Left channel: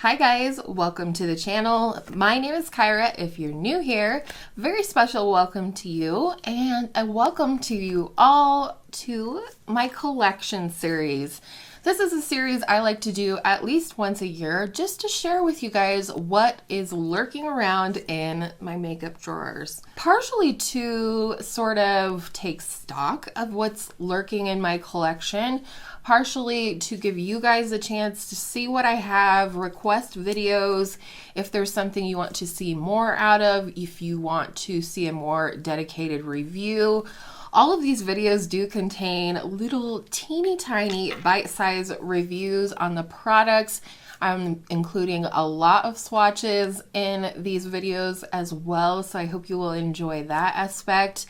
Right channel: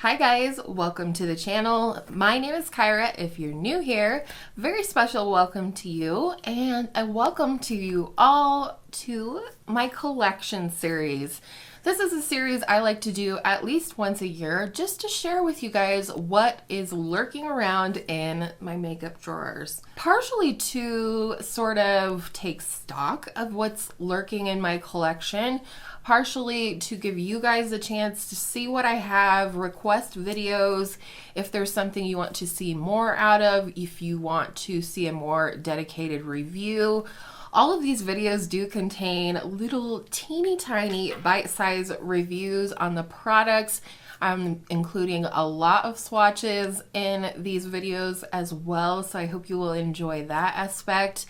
Hi guys, welcome to the channel. My name is Kyra. If you're new here, very special welcome to you, and a welcome to you all to my collection series. This is a series I like to do at least once a year just to share with you guys what is lurking around in my makeup drawers. Partially to sort of take stock of what's lurking in my collection, partially to give you guys a chance to see what I have, request videos if there's something you want to see more out of, if you want to see a more dedicated review. All of these videos do contain little teeny tiny bite-sized reviews on the products. I'm including a lot of swatches in these videos as well, so I hope you will enjoy that aspect.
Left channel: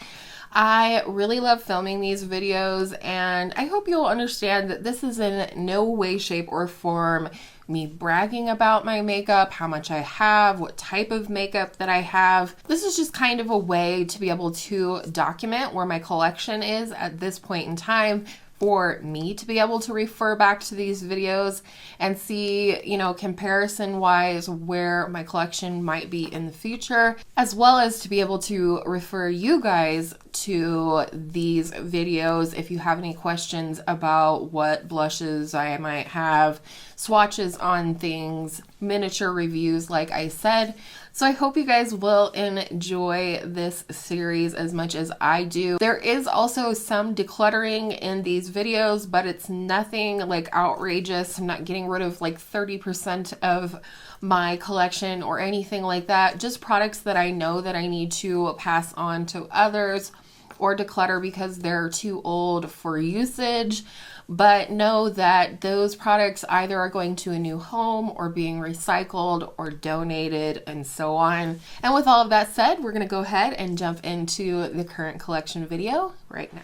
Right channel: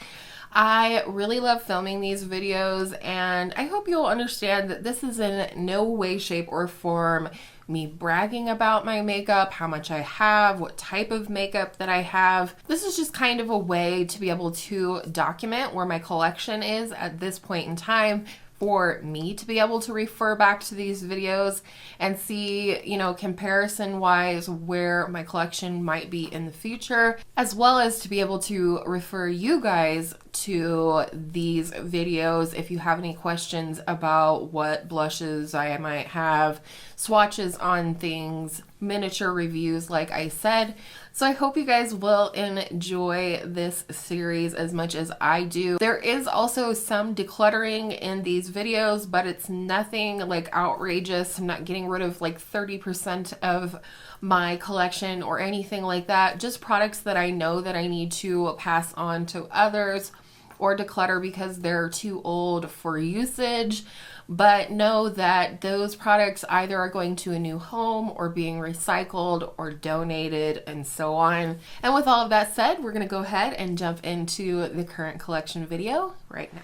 I really love filming these videos, and I hope you'll understand that this is in no way, shape, or form me bragging about my makeup, how much I have, what type of makeup that I have. This is just kind of a way to be able to document where my collection is at this point in time, for me to be able to refer back to these videos and see, comparison wise where my collection might be in the future, as well as to be able to refer you guys to these videos if you have any questions about what blushes I might have, swatches on things, miniature reviews like I said. So I hope you guys will enjoy this series as much as I do. There is also some decluttering in these videos, but it's nothing like outrageous. I'm not getting rid of like 30% of my collection or anything like that. Just products that I know that I need to pass on to others or declutter because they're too old for usage. But know that those products either are going to a new home or being recycled or donated and so on. And with all of that said, we're going to go ahead and jump into the current collection video right now.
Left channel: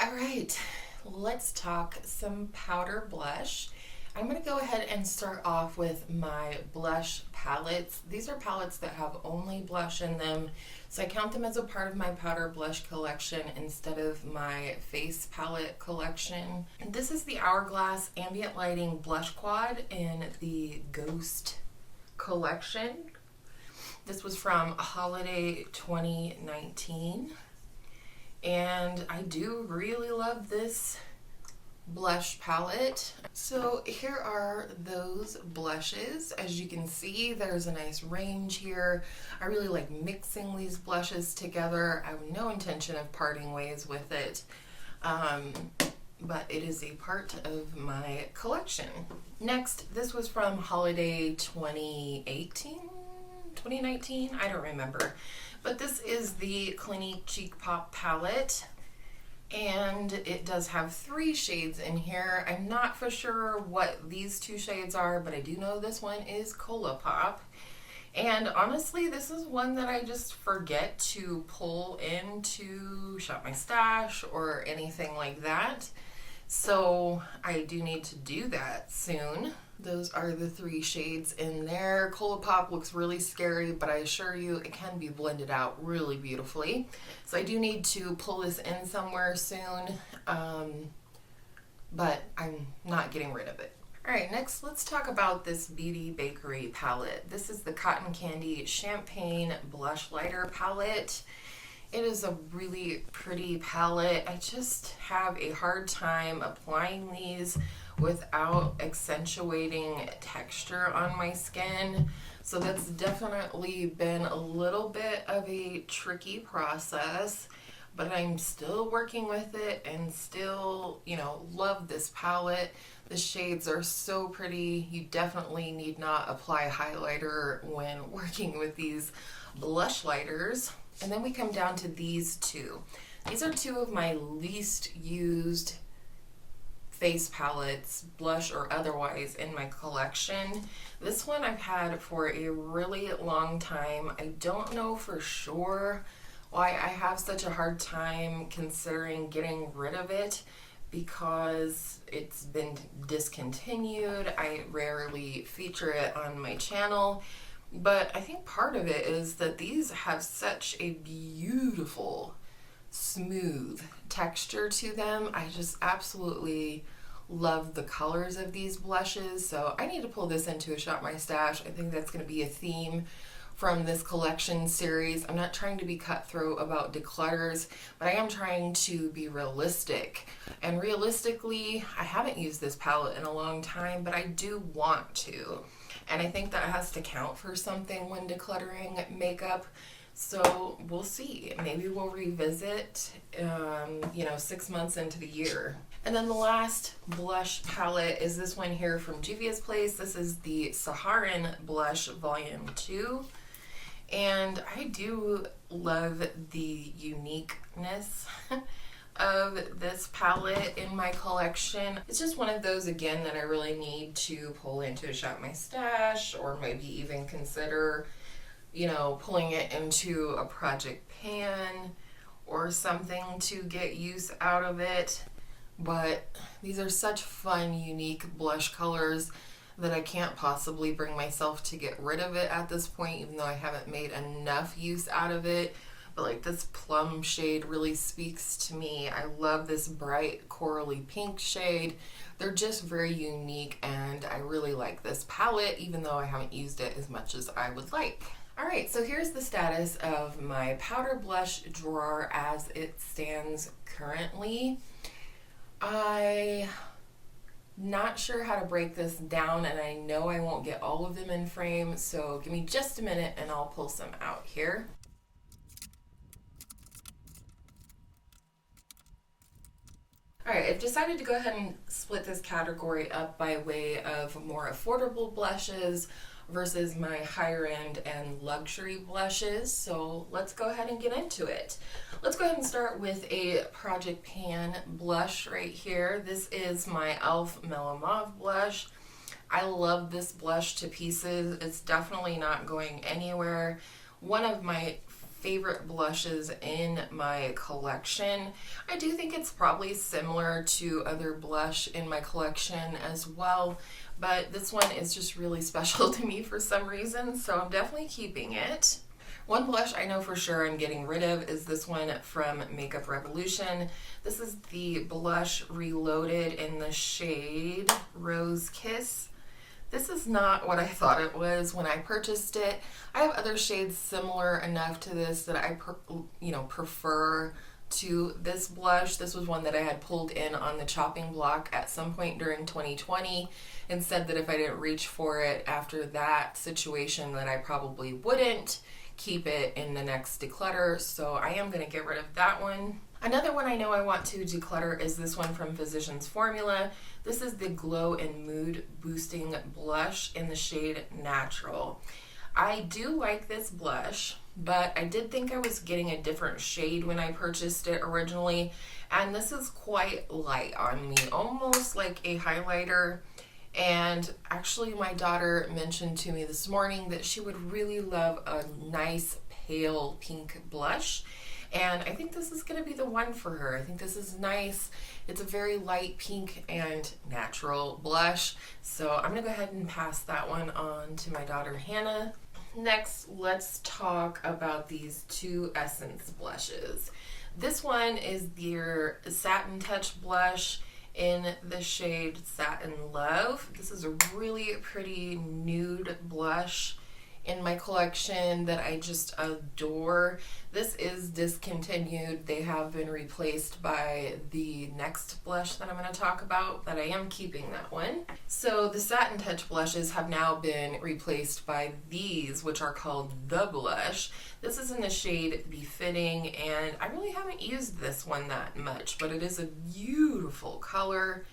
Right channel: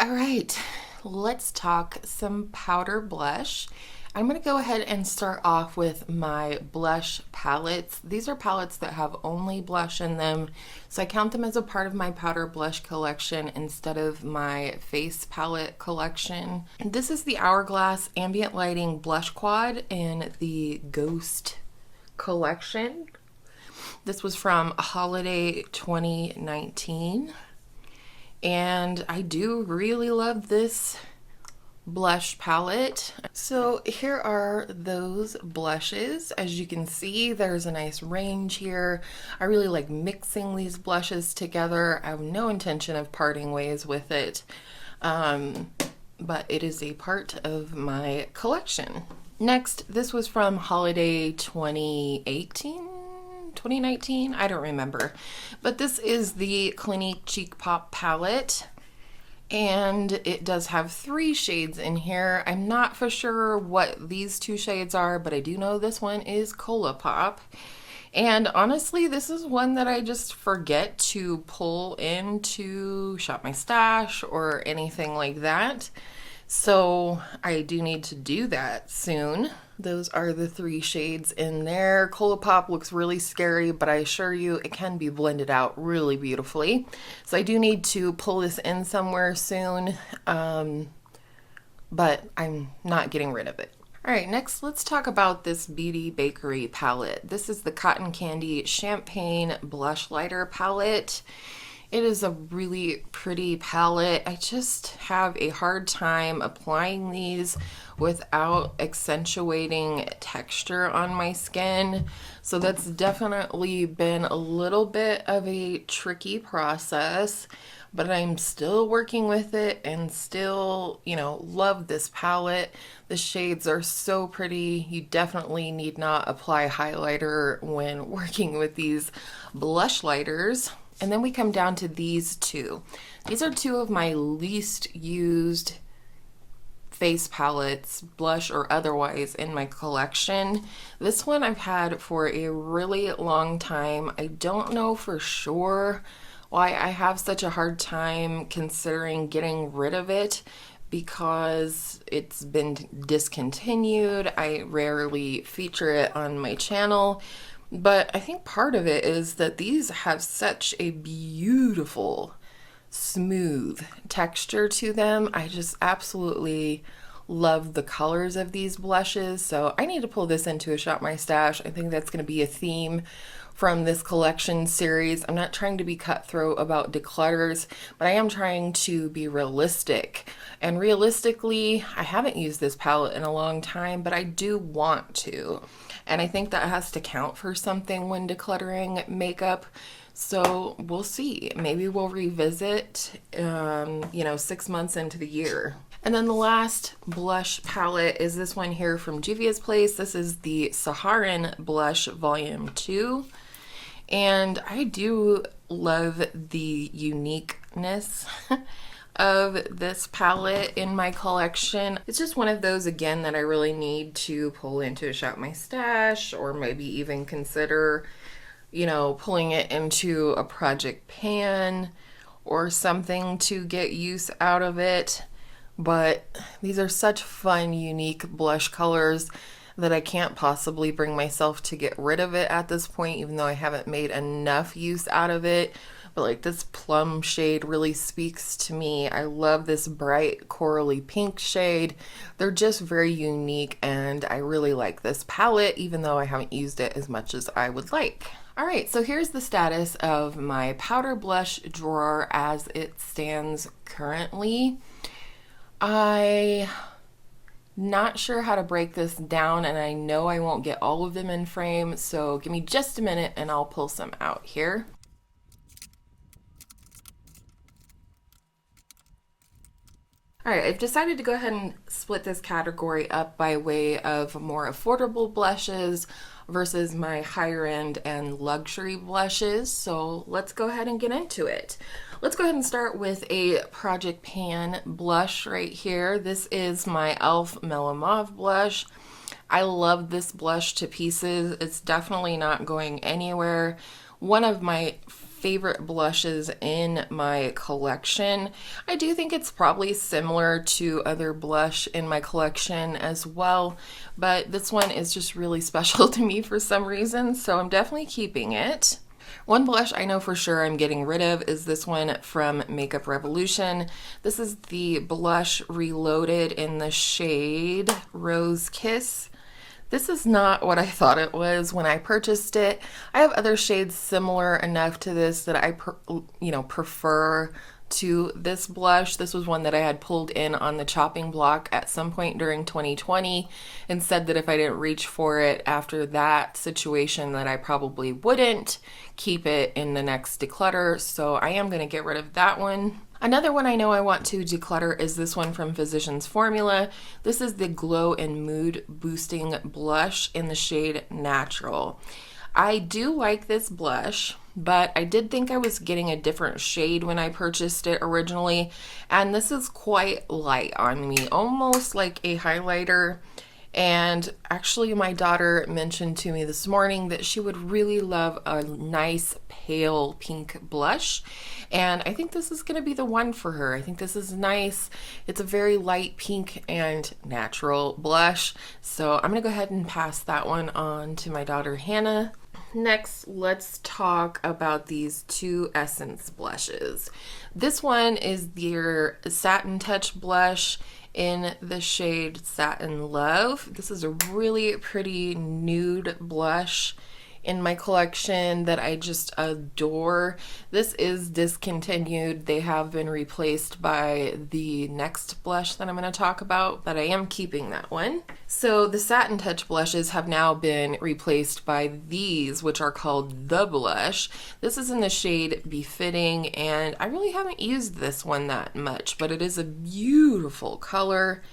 All right, let's talk some powder blush. I'm going to go ahead and start off with my blush palettes. These are palettes that have only blush in them, so I count them as a part of my powder blush collection instead of my face palette collection. And this is the Hourglass Ambient Lighting Blush Quad in the Ghost collection. This was from Holiday 2019. And I do really love this blush palette. So here are those blushes. As you can see, there's a nice range here. I really like mixing these blushes together. I have no intention of parting ways with it, but it is a part of my collection. Next, this was from Holiday 2019, I don't remember. But this is the Clinique Cheek Pop palette, and it does have 3 shades in here. I'm not for sure what these 2 shades are, but I do know this one is Cola Pop. And honestly, this is one that I just forget to pull in to shop my stash or anything like that. So I do need to do that soon. Those are the 3 shades in there. Cola Pop looks really scary, but I assure you it can be blended out really beautifully. So I do need to pull this in somewhere soon, but I'm not getting rid of it. All right, next let's talk about this Beauty Bakery palette. This is the Cotton Candy Champagne Blush Lighter palette. It is a really pretty palette. I just have a hard time applying these without accentuating texture on my skin. So that's definitely been a little bit of a tricky process, but I'm still working with it and still, love this palette. The shades are so pretty. You definitely need not apply highlighter when working with these blush lighters. And then we come down to these 2. These are 2 of my least used face palettes, blush or otherwise, in my collection. This one I've had for a really long time. I don't know for sure why I have such a hard time considering getting rid of it, because it's been discontinued. I rarely feature it on my channel, but I think part of it is that these have such a beautiful, smooth texture to them. I just absolutely love the colors of these blushes, so I need to pull this into a Shop My Stash. I think that's going to be a theme from this collection series. I'm not trying to be cutthroat about declutters, but I am trying to be realistic. And realistically, I haven't used this palette in a long time, but I do want to. And I think that has to count for something when decluttering makeup. So we'll see. Maybe we'll revisit, 6 months into the year. And then the last blush palette is this one here from Juvia's Place. This is the Saharan Blush Volume 2. And I do love the uniqueness of this palette in my collection. It's just one of those, again, that I really need to pull into a Shop My Stash, or maybe even consider, pulling it into a project pan or something to get use out of it. But these are such fun, unique blush colors that I can't possibly bring myself to get rid of it at this point, even though I haven't made enough use out of it. But like, this plum shade really speaks to me. I love this bright corally pink shade. They're just very unique, and I really like this palette, even though I haven't used it as much as I would like. All right, so here's the status of my powder blush drawer as it stands currently. I'm not sure how to break this down, and I know I won't get all of them in frame, so give me just a minute and I'll pull some out here. All right, I've decided to go ahead and split this category up by way of more affordable blushes versus my higher end and luxury blushes. So let's go ahead and get into it. Let's go ahead and start with a Project Pan blush right here. This is my e.l.f. Mellow Mauve blush. I love this blush to pieces. It's definitely not going anywhere. One of my favorite blushes in my collection. I do think it's probably similar to other blush in my collection as well, but this one is just really special to me for some reason, so I'm definitely keeping it. One blush I know for sure I'm getting rid of is this one from Makeup Revolution. This is the blush Reloaded in the shade Rose Kiss. This is not what I thought it was when I purchased it. I have other shades similar enough to this that I prefer to this blush. This was one that I had pulled in on the chopping block at some point during 2020 and said that if I didn't reach for it after that situation, that I probably wouldn't keep it in the next declutter. So I am going to get rid of that one. Another one I know I want to declutter is this one from Physicians Formula. This is the Glow and Mood Boosting Blush in the shade Natural. I do like this blush, but I did think I was getting a different shade when I purchased it originally, and this is quite light on me, almost like a highlighter. And actually, my daughter mentioned to me this morning that she would really love a nice pale pink blush. And I think this is going to be the one for her. I think this is nice. It's a very light pink and natural blush. So I'm going to go ahead and pass that one on to my daughter, Hannah. Next, let's talk about these two Essence blushes. This one is their Satin Touch blush in the shade Satin Love. This is a really pretty nude blush in my collection that I just adore. This is discontinued. They have been replaced by the next blush that I'm going to talk about, but I am keeping that one. So the Satin Touch blushes have now been replaced by these, which are called The Blush. This is in the shade Befitting, and I really haven't used this one that much, but it is a beautiful color,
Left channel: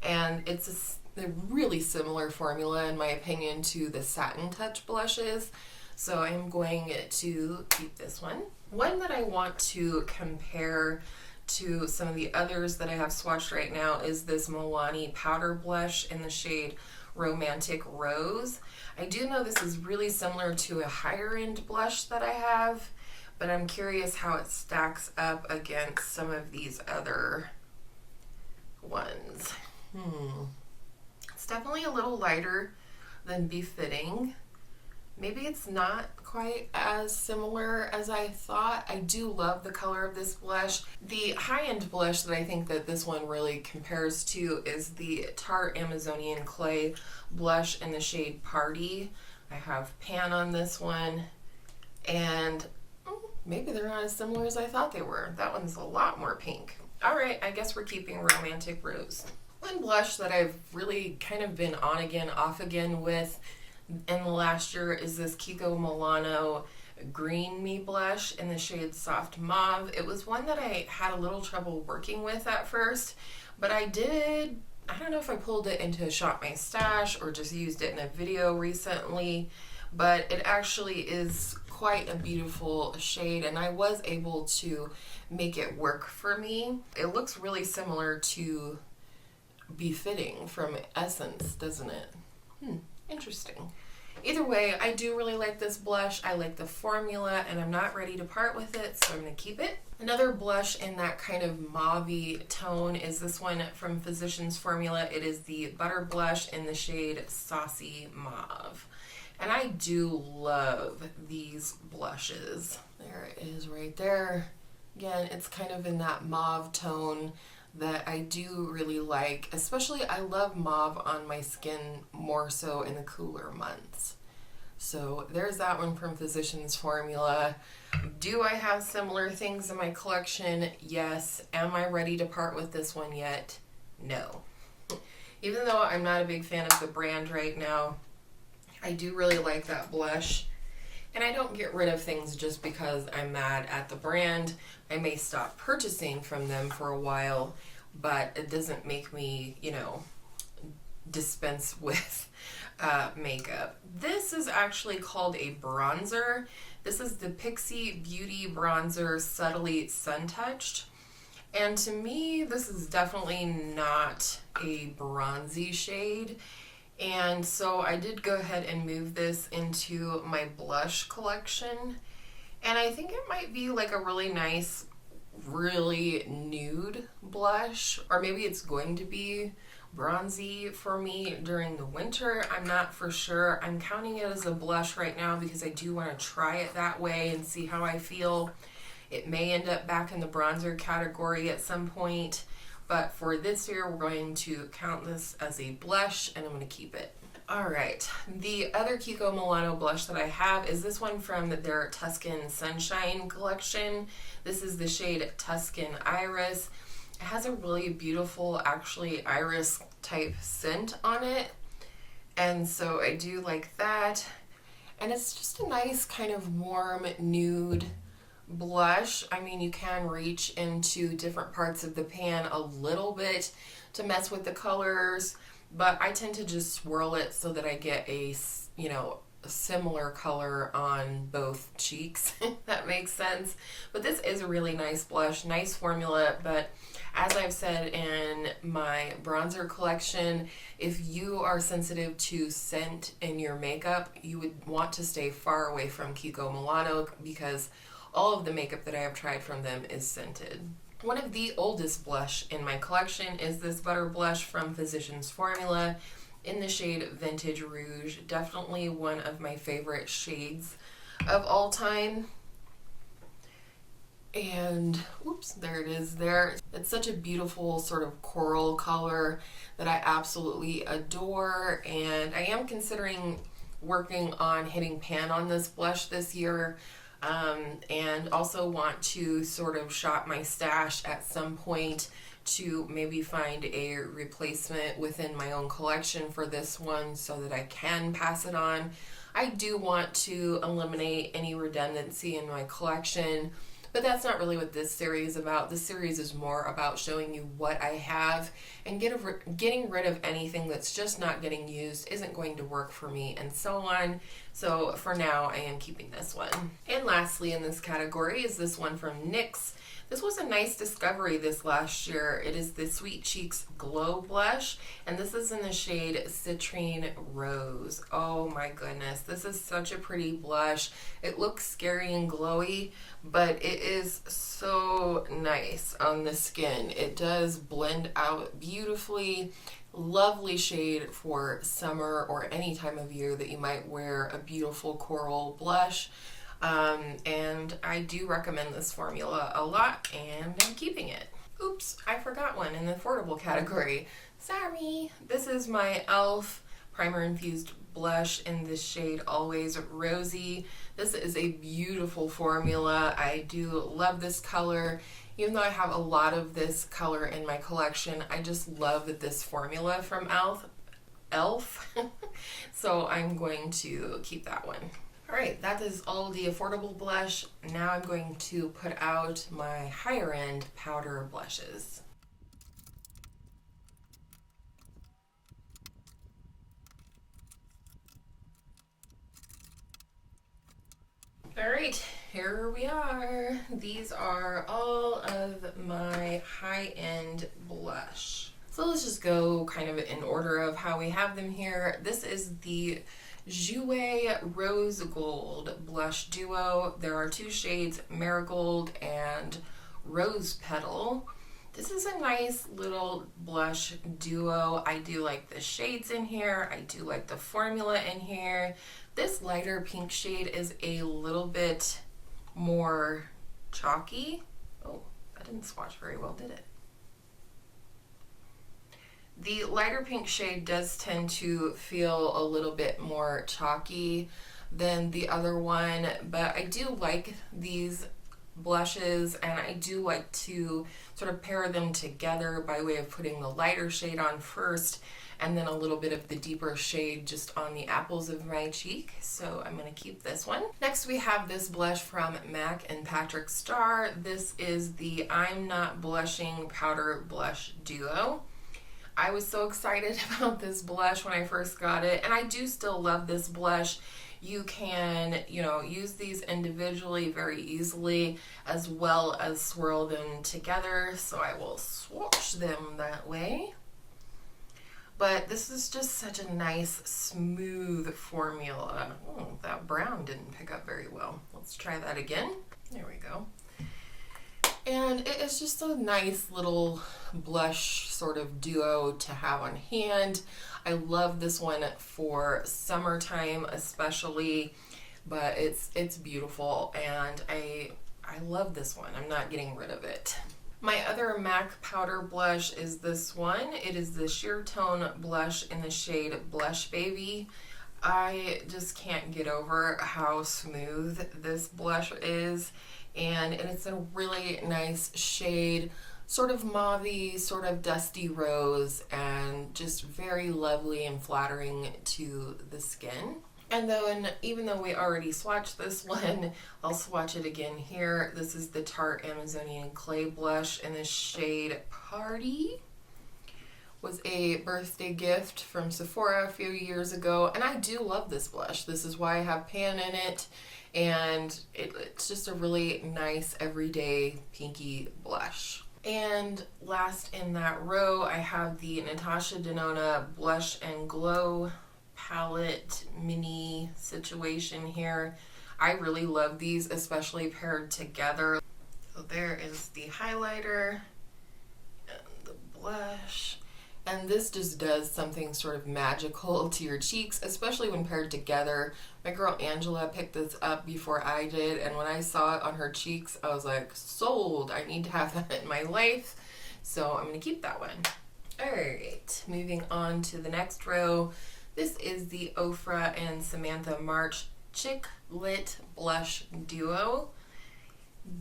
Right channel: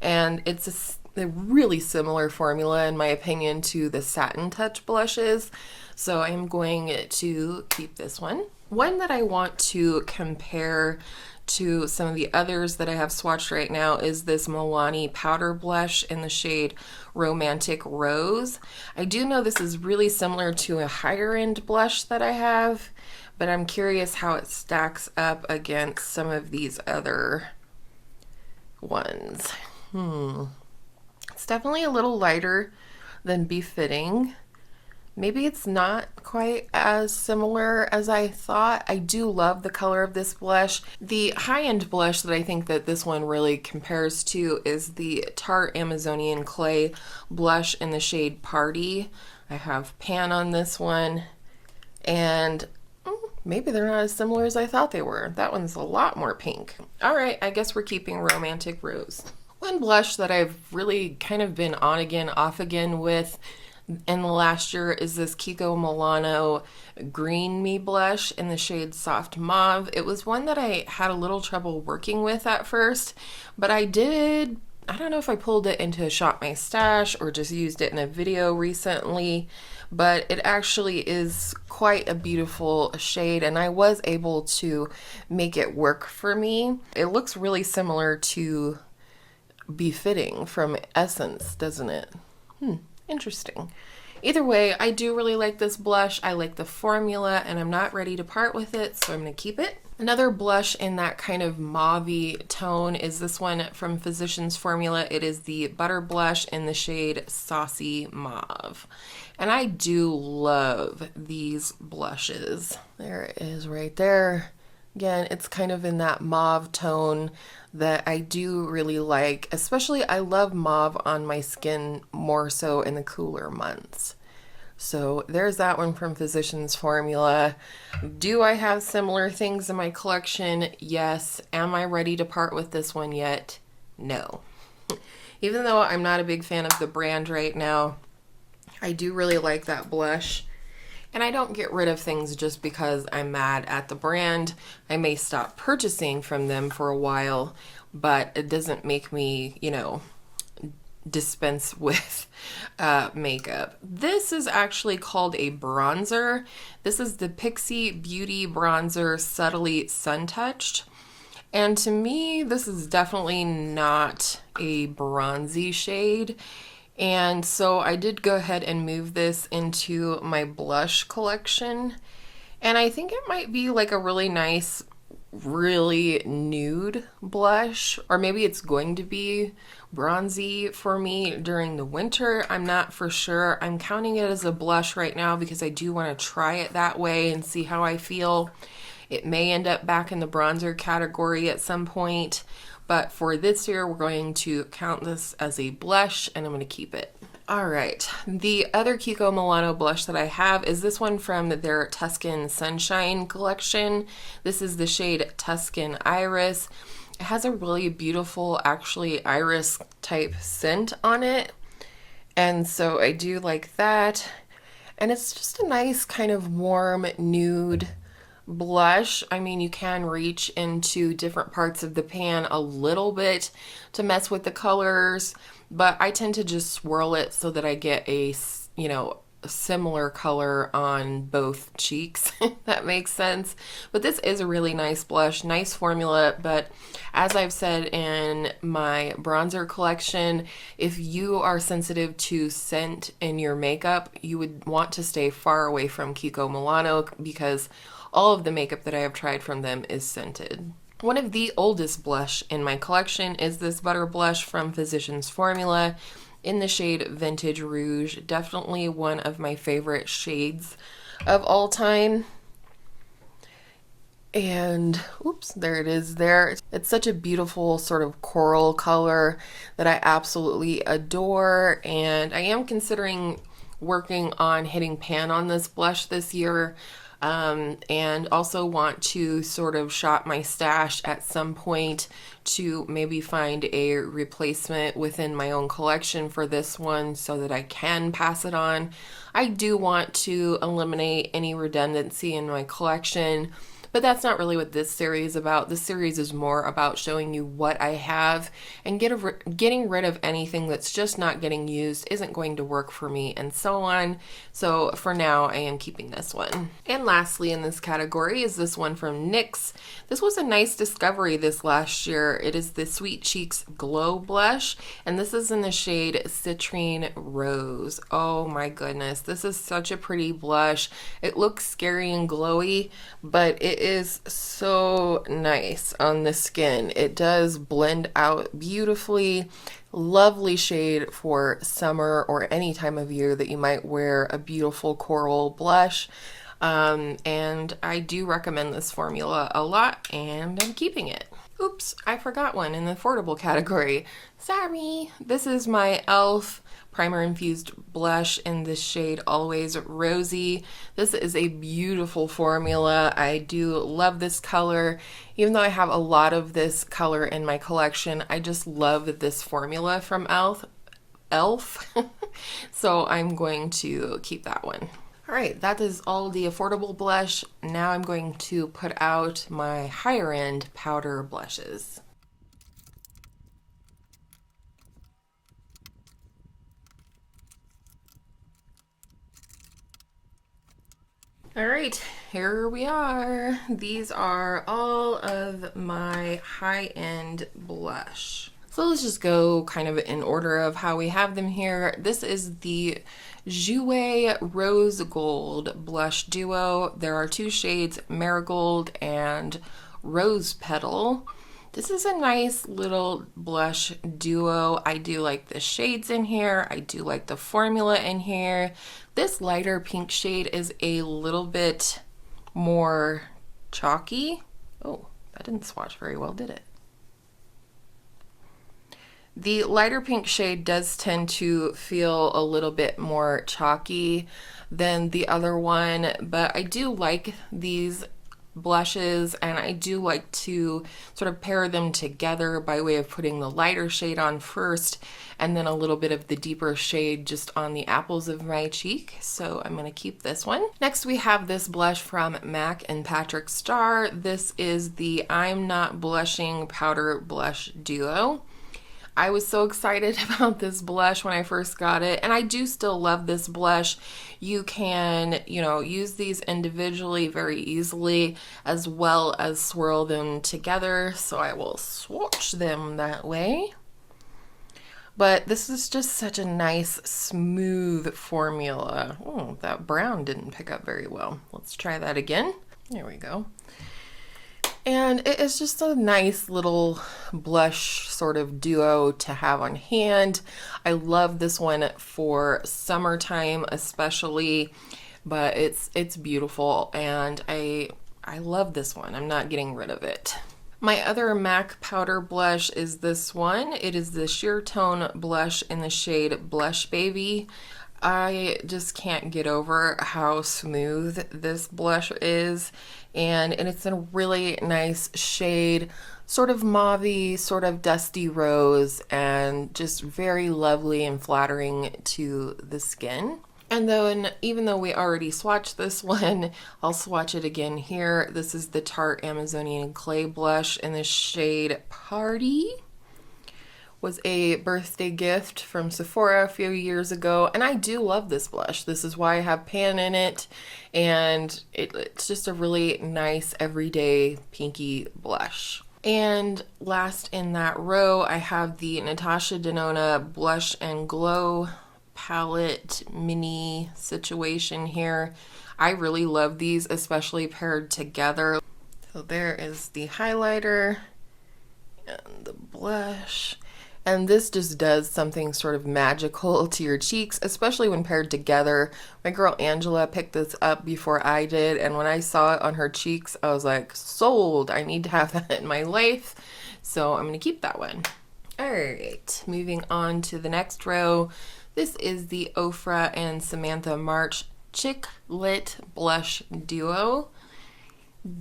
and it's a really similar formula in my opinion to the Satin Touch blushes, so I'm going to keep this one. One that I want to compare to some of the others that I have swatched right now is this Milani powder blush in the shade Romantic Rose. I do know this is really similar to a higher end blush that I have, but I'm curious how it stacks up against some of these other ones. It's definitely a little lighter than Befitting. Maybe it's not quite as similar as I thought. I do love the color of this blush. The high-end blush that I think that this one really compares to is the Tarte Amazonian Clay blush in the shade Party. I have pan on this one, and maybe they're not as similar as I thought they were. That one's a lot more pink. All right, I guess we're keeping Romantic Rose. One blush that I've really kind of been on again, off again with in the last year is this Kiko Milano Green Me blush in the shade Soft Mauve. It was one that I had a little trouble working with at first, but I don't know if I pulled it into Shop My Stash or just used it in a video recently, but it actually is quite a beautiful shade, and I was able to make it work for me. It looks really similar to Befitting from Essence, doesn't it? Interesting. Either way, I do really like this blush. I like the formula, and I'm not ready to part with it, so I'm going to keep it. Another blush in that kind of mauve-y tone is this one from Physicians Formula. It is the Butter Blush in the shade Saucy Mauve. And I do love these blushes. There it is right there. Again, it's kind of in that mauve tone that I do really like. Especially, I love mauve on my skin more so in the cooler months. So there's that one from Physicians Formula. Do I have similar things in my collection? Yes. Am I ready to part with this one yet? No. Even though I'm not a big fan of the brand right now, I do really like that blush. And I don't get rid of things just because I'm mad at the brand. I may stop purchasing from them for a while, but it doesn't make me, dispense with makeup. This is actually called a bronzer. This is the Pixie Beauty Bronzer Subtly Sun Touched. And to me, this is definitely not a bronzy shade. And so I did go ahead and move this into my blush collection. And I think it might be like a really nice, really nude blush. Or maybe it's going to be bronzy for me during the winter. I'm not for sure. I'm counting it as a blush right now because I do want to try it that way and see how I feel. It may end up back in the bronzer category at some point. But for this year, we're going to count this as a blush, and I'm going to keep it. All right, the other Kiko Milano blush that I have is this one from their Tuscan Sunshine collection. This is the shade Tuscan Iris. It has a really beautiful, actually, iris type scent on it. And so I do like that. And it's just a nice kind of warm nude blush. I mean, you can reach into different parts of the pan a little bit to mess with the colors, but I tend to just swirl it so that I get a, a similar color on both cheeks, if that makes sense. But this is a really nice blush, nice formula, but as I've said in my bronzer collection, if you are sensitive to scent in your makeup, you would want to stay far away from Kiko Milano because all of the makeup that I have tried from them is scented. One of the oldest blush in my collection is this Butter Blush from Physicians Formula in the shade Vintage Rouge. Definitely one of my favorite shades of all time. And, oops, there it is there. It's such a beautiful sort of coral color that I absolutely adore. And I am considering working on hitting pan on this blush this year. And also want to sort of shop my stash at some point to maybe find a replacement within my own collection for this one so that I can pass it on. I do want to eliminate any redundancy in my collection, but that's not really what this series is about. This series is more about showing you what I have and getting rid of anything that's just not getting used, isn't going to work for me, and so on. So for now, I am keeping this one. And lastly in this category is this one from NYX. This was a nice discovery this last year. It is the Sweet Cheeks Glow Blush, and this is in the shade Citrine Rose. Oh my goodness, this is such a pretty blush. It looks scary and glowy, but it is so nice on the skin. It does blend out beautifully. Lovely shade for summer or any time of year that you might wear a beautiful coral blush. And I do recommend this formula a lot, and I'm keeping it. Oops, I forgot one in the affordable category. Sorry. This is my e.l.f. primer infused blush in the shade Always Rosy. This is a beautiful formula. I do love this color. Even though I have a lot of this color in my collection, I just love this formula from e.l.f. So I'm going to keep that one. All right, that is all the affordable blush. Now I'm going to put out my higher end powder blushes. All right, here we are. These are all of my high-end blush. So let's just go kind of in order of how we have them here. This is the Jouer Rose Gold Blush Duo. There are two shades, Marigold and Rose Petal. This is a nice little blush duo. I do like the shades in here. I do like the formula in here. This lighter pink shade is a little bit more chalky. Oh, that didn't swatch very well, did it? The lighter pink shade does tend to feel a little bit more chalky than the other one, but I do like these blushes, and I do like to sort of pair them together by way of putting the lighter shade on first and then a little bit of the deeper shade just on the apples of my cheek. So I'm going to keep this one. Next we have this blush from MAC and Patrick Starrr. This is the I'm Not Blushing Powder Blush Duo. I was so excited about this blush when I first got it, and I do still love this blush. You can, use these individually very easily, as well as swirl them together. So I will swatch them that way. But this is just such a nice, smooth formula. Oh, that brown didn't pick up very well. Let's try that again. There we go. And it is just a nice little blush sort of duo to have on hand. I love this one for summertime especially, but it's beautiful, and I love this one. I'm not getting rid of it. My other MAC powder blush is this one. It is the Sheer Tone blush in the shade Blush Baby. I just can't get over how smooth this blush is, and it's a really nice shade, sort of mauvey, sort of dusty rose, and just very lovely and flattering to the skin. And then, even though we already swatched this one, I'll swatch it again here. This is the Tarte Amazonian Clay blush in the shade Party. Was a birthday gift from Sephora a few years ago, and I do love this blush. This is why I have pan in it, and it's just a really nice everyday pinky blush. And last in that row, I have the Natasha Denona Blush and Glow palette mini situation here. I really love these, especially paired together. So there is the highlighter and the blush. And this just does something sort of magical to your cheeks, especially when paired together. My girl Angela picked this up before I did, and when I saw it on her cheeks, I was like, sold. I need to have that in my life. So I'm going to keep that one. All right, moving on to the next row. This is the Ofra and Samantha March Chick Lit Blush Duo.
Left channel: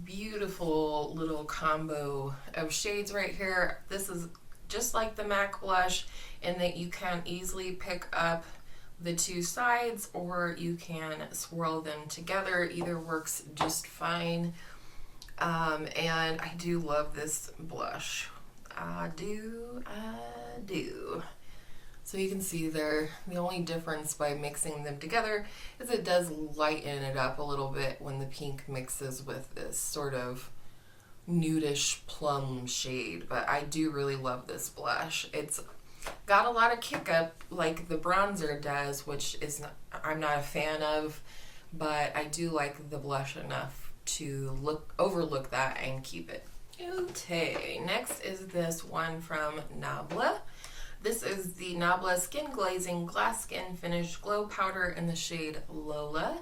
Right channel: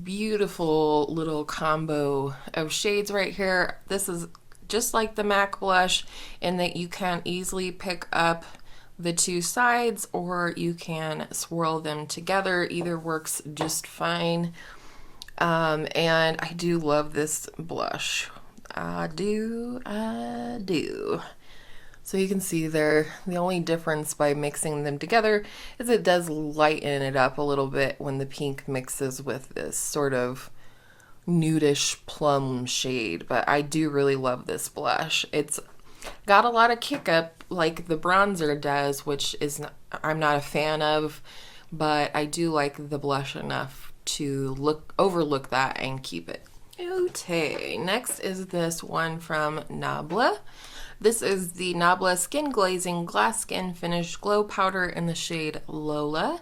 Beautiful little combo of shades right here. This is just like the MAC blush in that you can easily pick up the two sides, or you can swirl them together. Either works just fine. And I do love this blush. I do. So you can see there, the only difference by mixing them together is it does lighten it up a little bit when the pink mixes with this sort of nudish plum shade. But I do really love this blush. It's got a lot of kick up like the bronzer does, which is I'm not a fan of, but I do like the blush enough to overlook that and keep it. Okay, next is this one from Nabla. This is the Nabla Skin Glazing Glass Skin Finish Glow Powder in the shade Lola.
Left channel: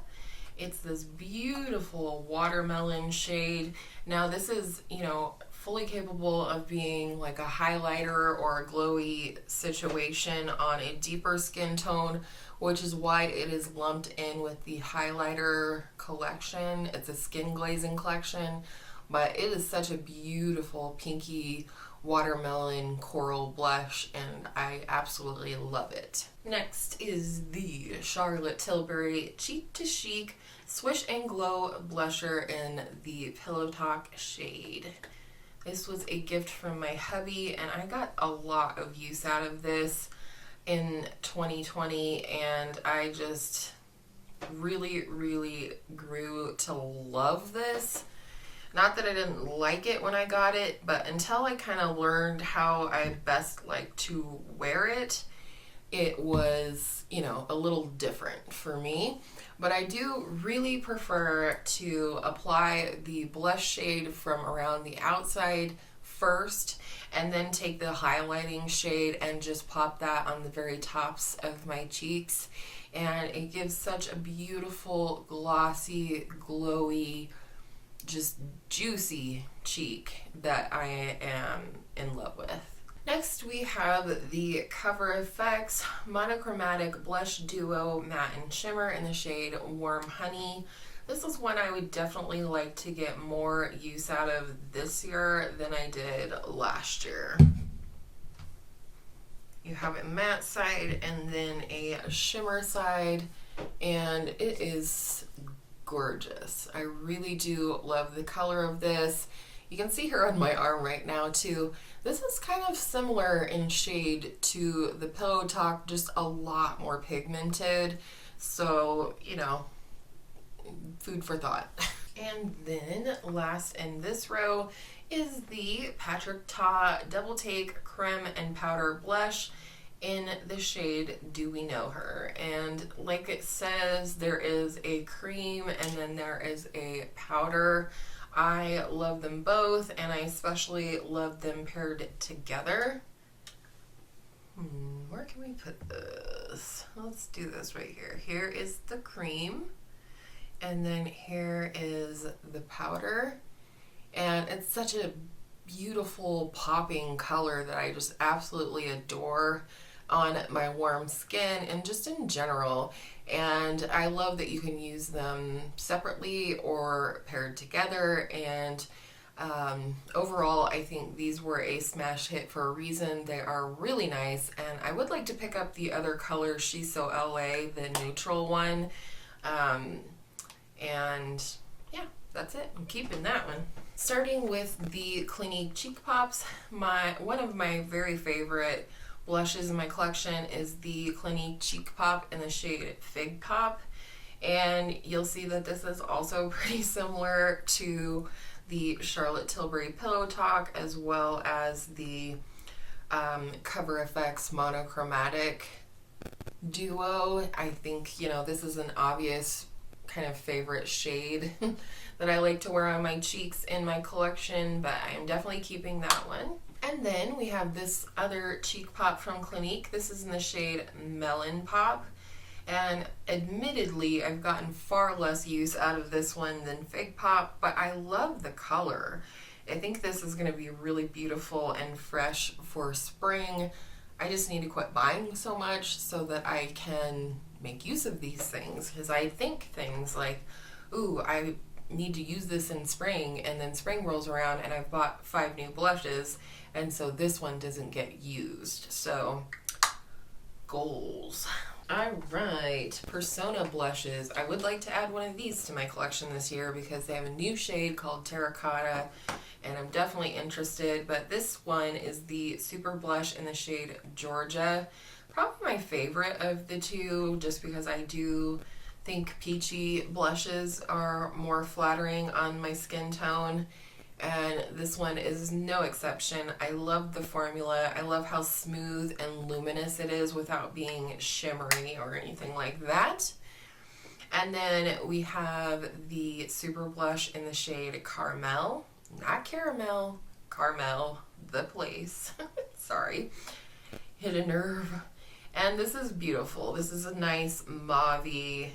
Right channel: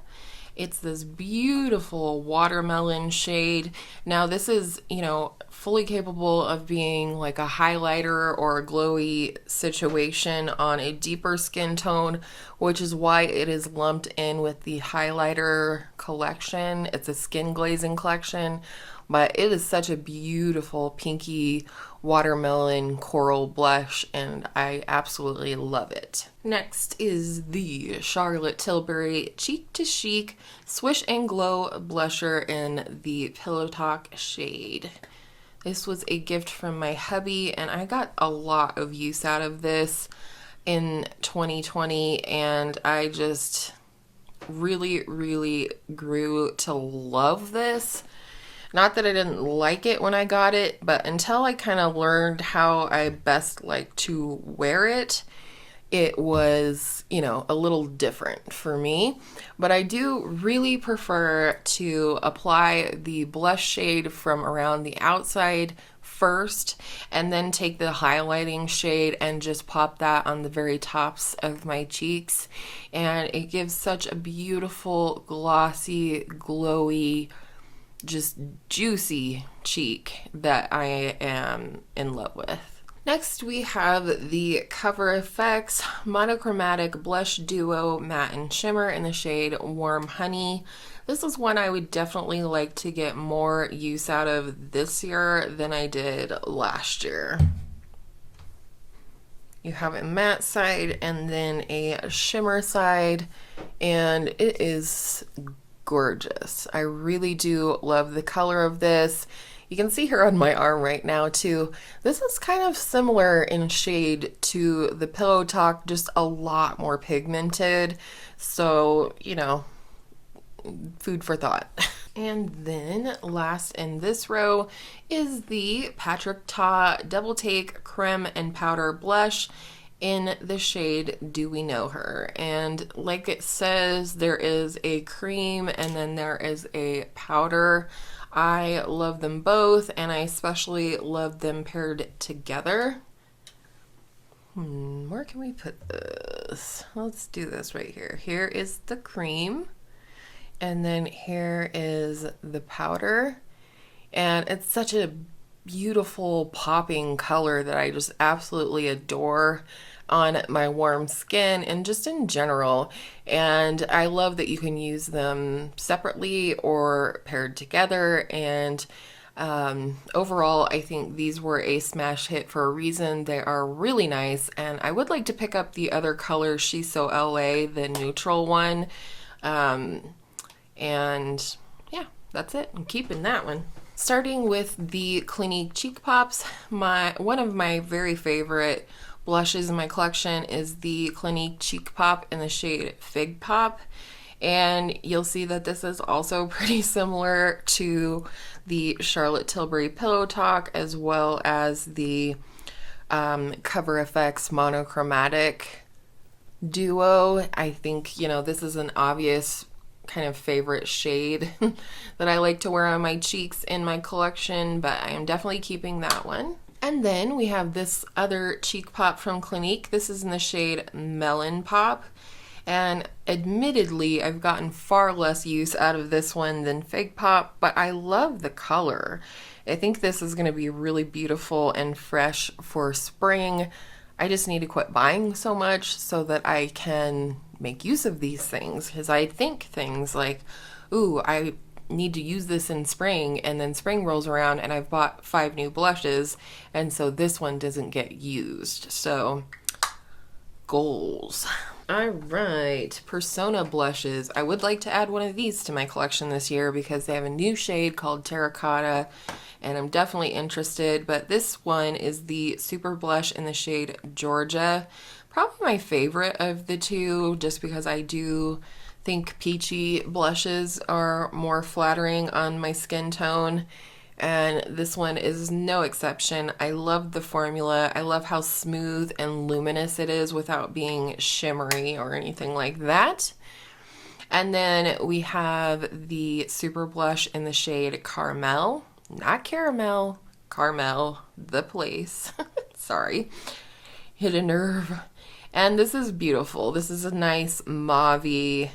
It's this beautiful watermelon shade. Now this is, you know, fully capable of being like a highlighter or a glowy situation on a deeper skin tone, which is why it is lumped in with the highlighter collection. It's a skin glazing collection, but it is such a beautiful pinky watermelon coral blush, and I absolutely love it. Next is the Charlotte Tilbury Cheek to Chic Swish and Glow blusher in the Pillow Talk shade. This was a gift from my hubby, and I got a lot of use out of this in 2020, and I just really grew to love this. Not that I didn't like it when I got it, but until I kind of learned how I best like to wear it, it was, you know, a little different for me. But I do really prefer to apply the blush shade from around the outside first, and then take the highlighting shade and just pop that on the very tops of my cheeks. And it gives such a beautiful, glossy, glowy, just juicy cheek that I am in love with. Next we have the Cover FX Monochromatic Blush Duo Matte and Shimmer in the shade Warm Honey. This is one I would definitely like to get more use out of this year than I did last year. You have a matte side and then a shimmer side, and it is gorgeous. I really do love the color of this. You can see her on my arm right now too. This is kind of similar in shade to the Pillow Talk, just a lot more pigmented. So, you know, food for thought. And then last in this row is the Patrick Ta Double Take Creme and Powder Blush in the shade Do We Know Her. And like it says, there is a cream and then there is a powder. I love them both, and I especially love them paired together. Where can we put this? Let's do this right here. Here is the cream, and then here is the powder. And it's such a beautiful popping color that I just absolutely adore on my warm skin and just in general. And I love that you can use them separately or paired together. And overall, I think these were a smash hit for a reason. They are really nice, and I would like to pick up the other color, She's So LA, the neutral one. And yeah, that's it. I'm keeping that one. Starting with the Clinique Cheek Pops, one of my very favorite blushes in my collection is the Clinique Cheek Pop in the shade Fig Pop, and you'll see that this is also pretty similar to the Charlotte Tilbury Pillow Talk, as well as the Cover FX Monochromatic Duo. I think, you know, this is an obvious kind of favorite shade that I like to wear on my cheeks in my collection, but I am definitely keeping that one. And then we have this other cheek pop from Clinique. This is in the shade Melon Pop. And admittedly, I've gotten far less use out of this one than Fig Pop, but I love the color. I think this is going to be really beautiful and fresh for spring. I just need to quit buying so much so that I can make use of these things, because I think things like, ooh, I need to use this in spring, and then spring rolls around and I've bought 5 new blushes, and so this one doesn't get used. So goals. All right, Persona blushes. I would like to add one of these to my collection this year because they have a new shade called Terracotta, and I'm definitely interested. But this one is the Super Blush in the shade Georgia. Probably my favorite of the two, just because I do think peachy blushes are more flattering on my skin tone, and this one is no exception. I love the formula. I love how smooth and luminous it is without being shimmery or anything like that. And then we have the Super Blush in the shade Caramel. Not caramel, Carmel, the place. Sorry. Hit a nerve. And this is beautiful. This is a nice mauve-y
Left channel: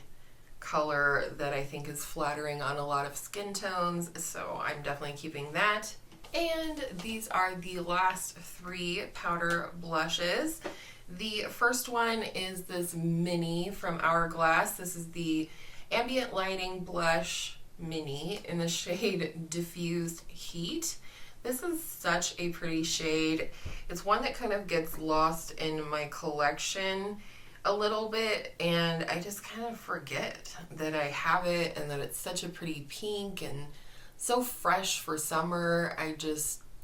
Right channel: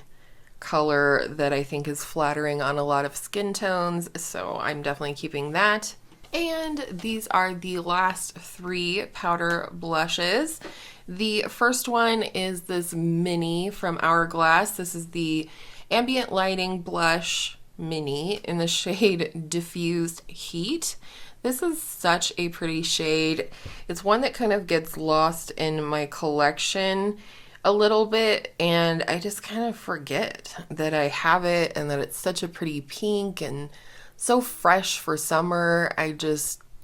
color that I think is flattering on a lot of skin tones, so I'm definitely keeping that. And these are the last three powder blushes. The first one is this mini from Hourglass. This is the Ambient Lighting Blush Mini in the shade Diffused Heat. This is such a pretty shade. It's one that kind of gets lost in my collection a little bit, and I just kind of forget that I have it and that it's such a pretty pink and so fresh for summer.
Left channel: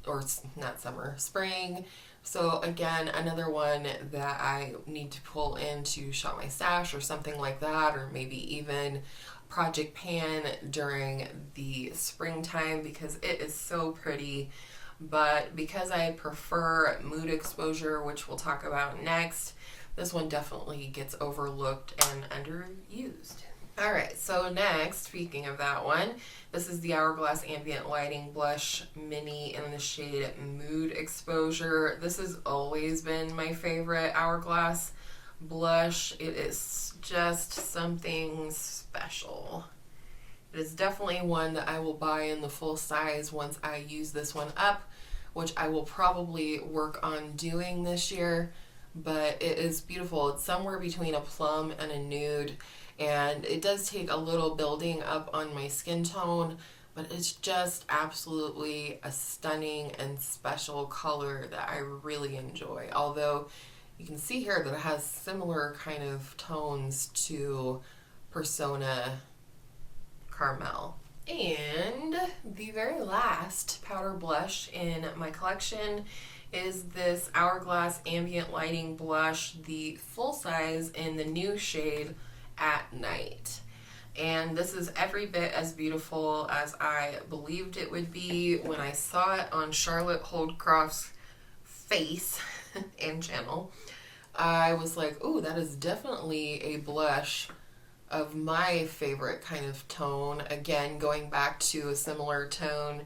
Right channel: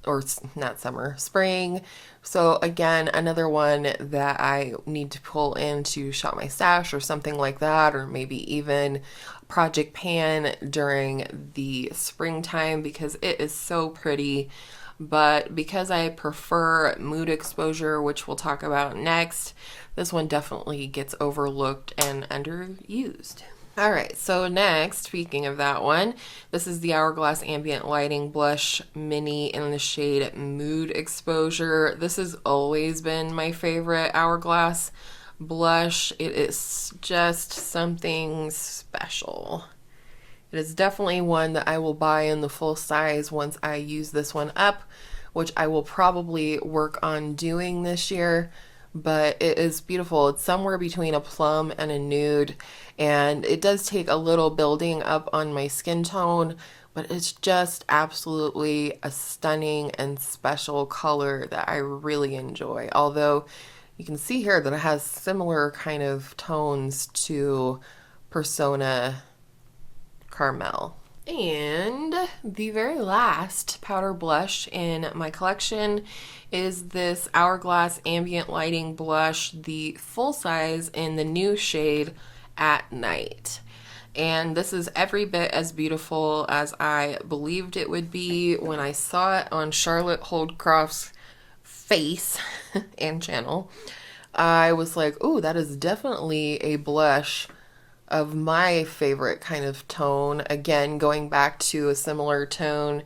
Or not summer, spring. So again, another one that I need to pull in to shop my stash or something like that, or maybe even Project Pan during the springtime because it is so pretty. But because I prefer Mood Exposure, which we'll talk about next, this one definitely gets overlooked and underused. All right, so next, speaking of that one, this is the Hourglass Ambient Lighting Blush Mini in the shade Mood Exposure. This has always been my favorite Hourglass blush. It is just something special. It is definitely one that I will buy in the full size once I use this one up, which I will probably work on doing this year, but it is beautiful. It's somewhere between a plum and a nude, and it does take a little building up on my skin tone, but it's just absolutely a stunning and special color that I really enjoy. Although you can see here that it has similar kind of tones to Persona Caramel. And the very last powder blush in my collection is this Hourglass Ambient Lighting Blush, the full size in the new shade At Night. And this is every bit as beautiful as I believed it would be when I saw it on Charlotte Holdcroft's face and channel. I was like, oh, that is definitely a blush of my favorite kind of tone. Again, going back to a similar tone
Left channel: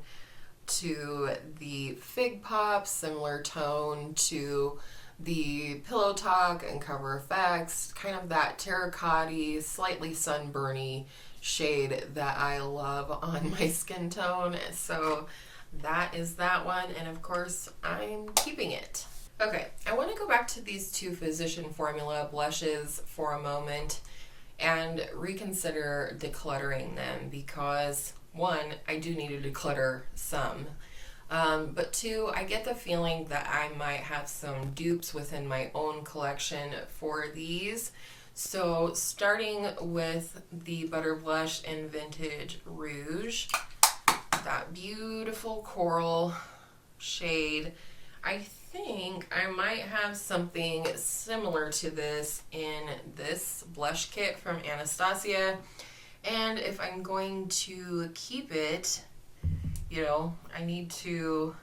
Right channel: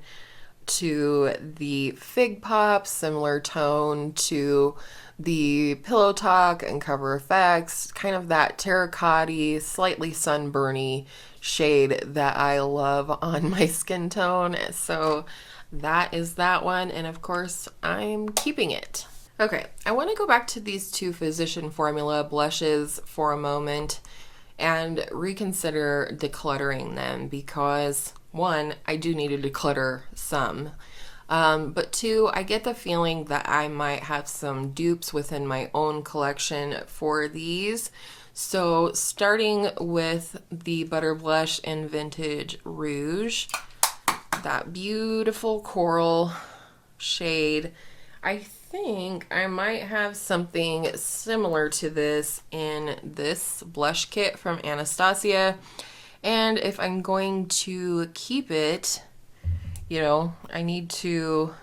to the Fig Pop, similar tone to the Pillow Talk and Cover FX, kind of that terracotta, slightly sunburny shade that I love on my skin tone. So that is that one, and of course I'm keeping it. Okay, I want to go back to these two Physician Formula blushes for a moment and reconsider decluttering them because, one, I do need to declutter some, but two, I get the feeling that I might have some dupes within my own collection for these. So starting with the Butter Blush in Vintage Rouge, that beautiful coral shade, I think I might have something similar to this in this blush kit from Anastasia. And if I'm going to keep it, you know, I need to,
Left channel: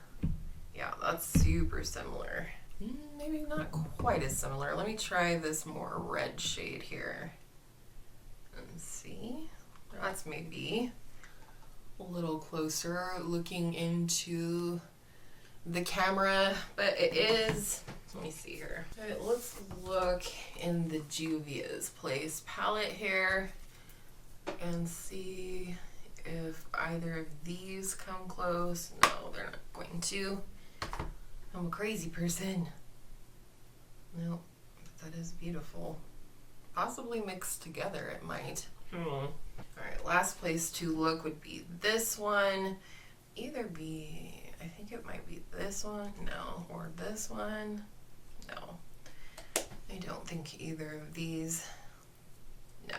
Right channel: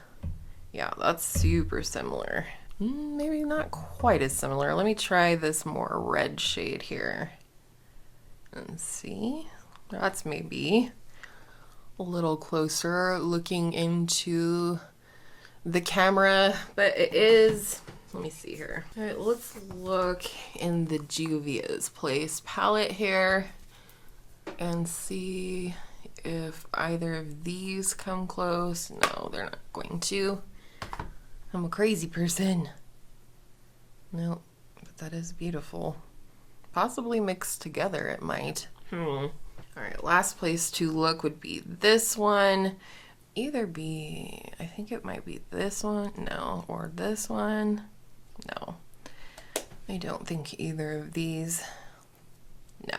yeah, that's super similar. Maybe not quite as similar. Let me try this more red shade here and see. That's maybe a little closer looking into the camera, but it is, let me see here. All right, let's look in the Juvia's Place palette here and see if either of these come close. No, they're not going to. I'm a crazy person. No, but that is beautiful. Possibly mixed together, it might. All right, last place to look would be this one. Either be, I think it might be this one, no, or this one, no. I don't think either of these, no.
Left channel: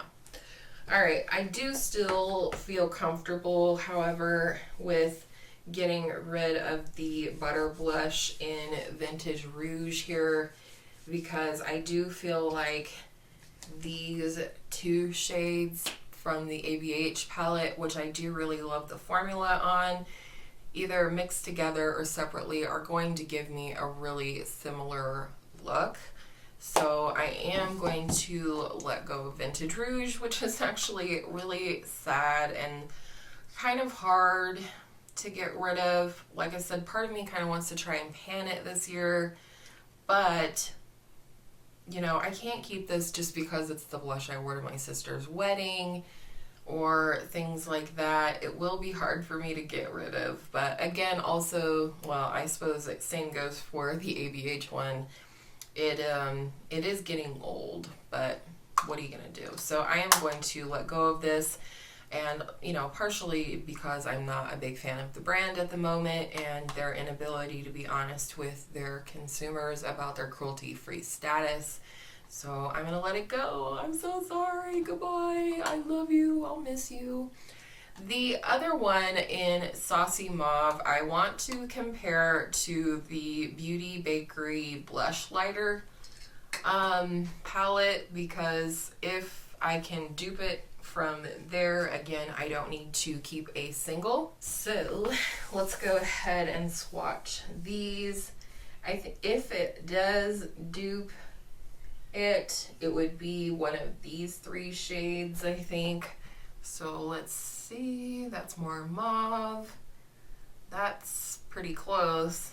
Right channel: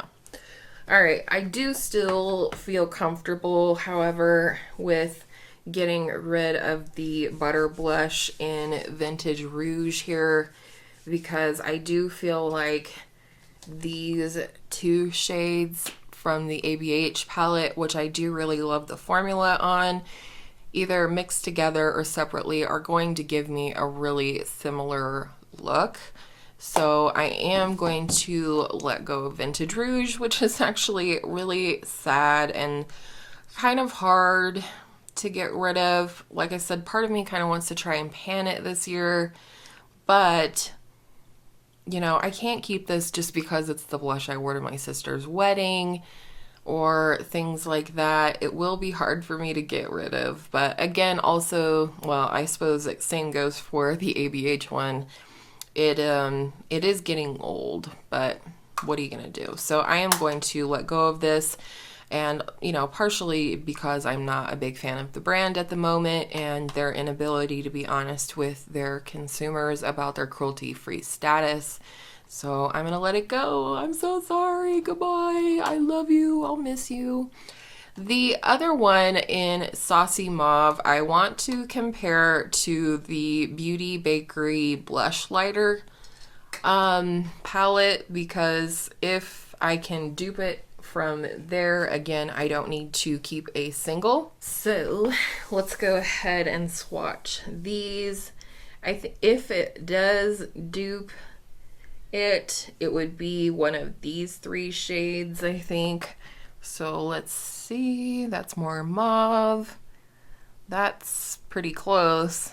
All right, I do still feel comfortable, however, with getting rid of the Butter Blush in Vintage Rouge here, because I do feel like these two shades from the ABH palette, which I do really love the formula on, either mixed together or separately, are going to give me a really similar look. So I am going to let go of Vintage Rouge, which is actually really sad and kind of hard to get rid of. Like I said, part of me kind of wants to try and pan it this year, but you know, I can't keep this just because it's the blush I wore to my sister's wedding or things like that. It will be hard for me to get rid of. But again, also, well, I suppose the same goes for the ABH one. It is getting old, but what are you gonna do? So I am going to let go of this, and you know, partially because I'm not a big fan of the brand at the moment and their inability to be honest with their consumers about their cruelty-free status. So I'm gonna let it go. I'm so sorry. Goodbye. I love you. I'll miss you. The other one in Saucy Mauve, I want to compare to the Beauty Bakery Blush Lighter palette, because if I can dupe it from there, again, I don't need to keep a single. So let's go ahead and swatch these. I think if it does dupe it, it would be one of these three shades, I think. So let's see, that's more mauve. That's pretty close.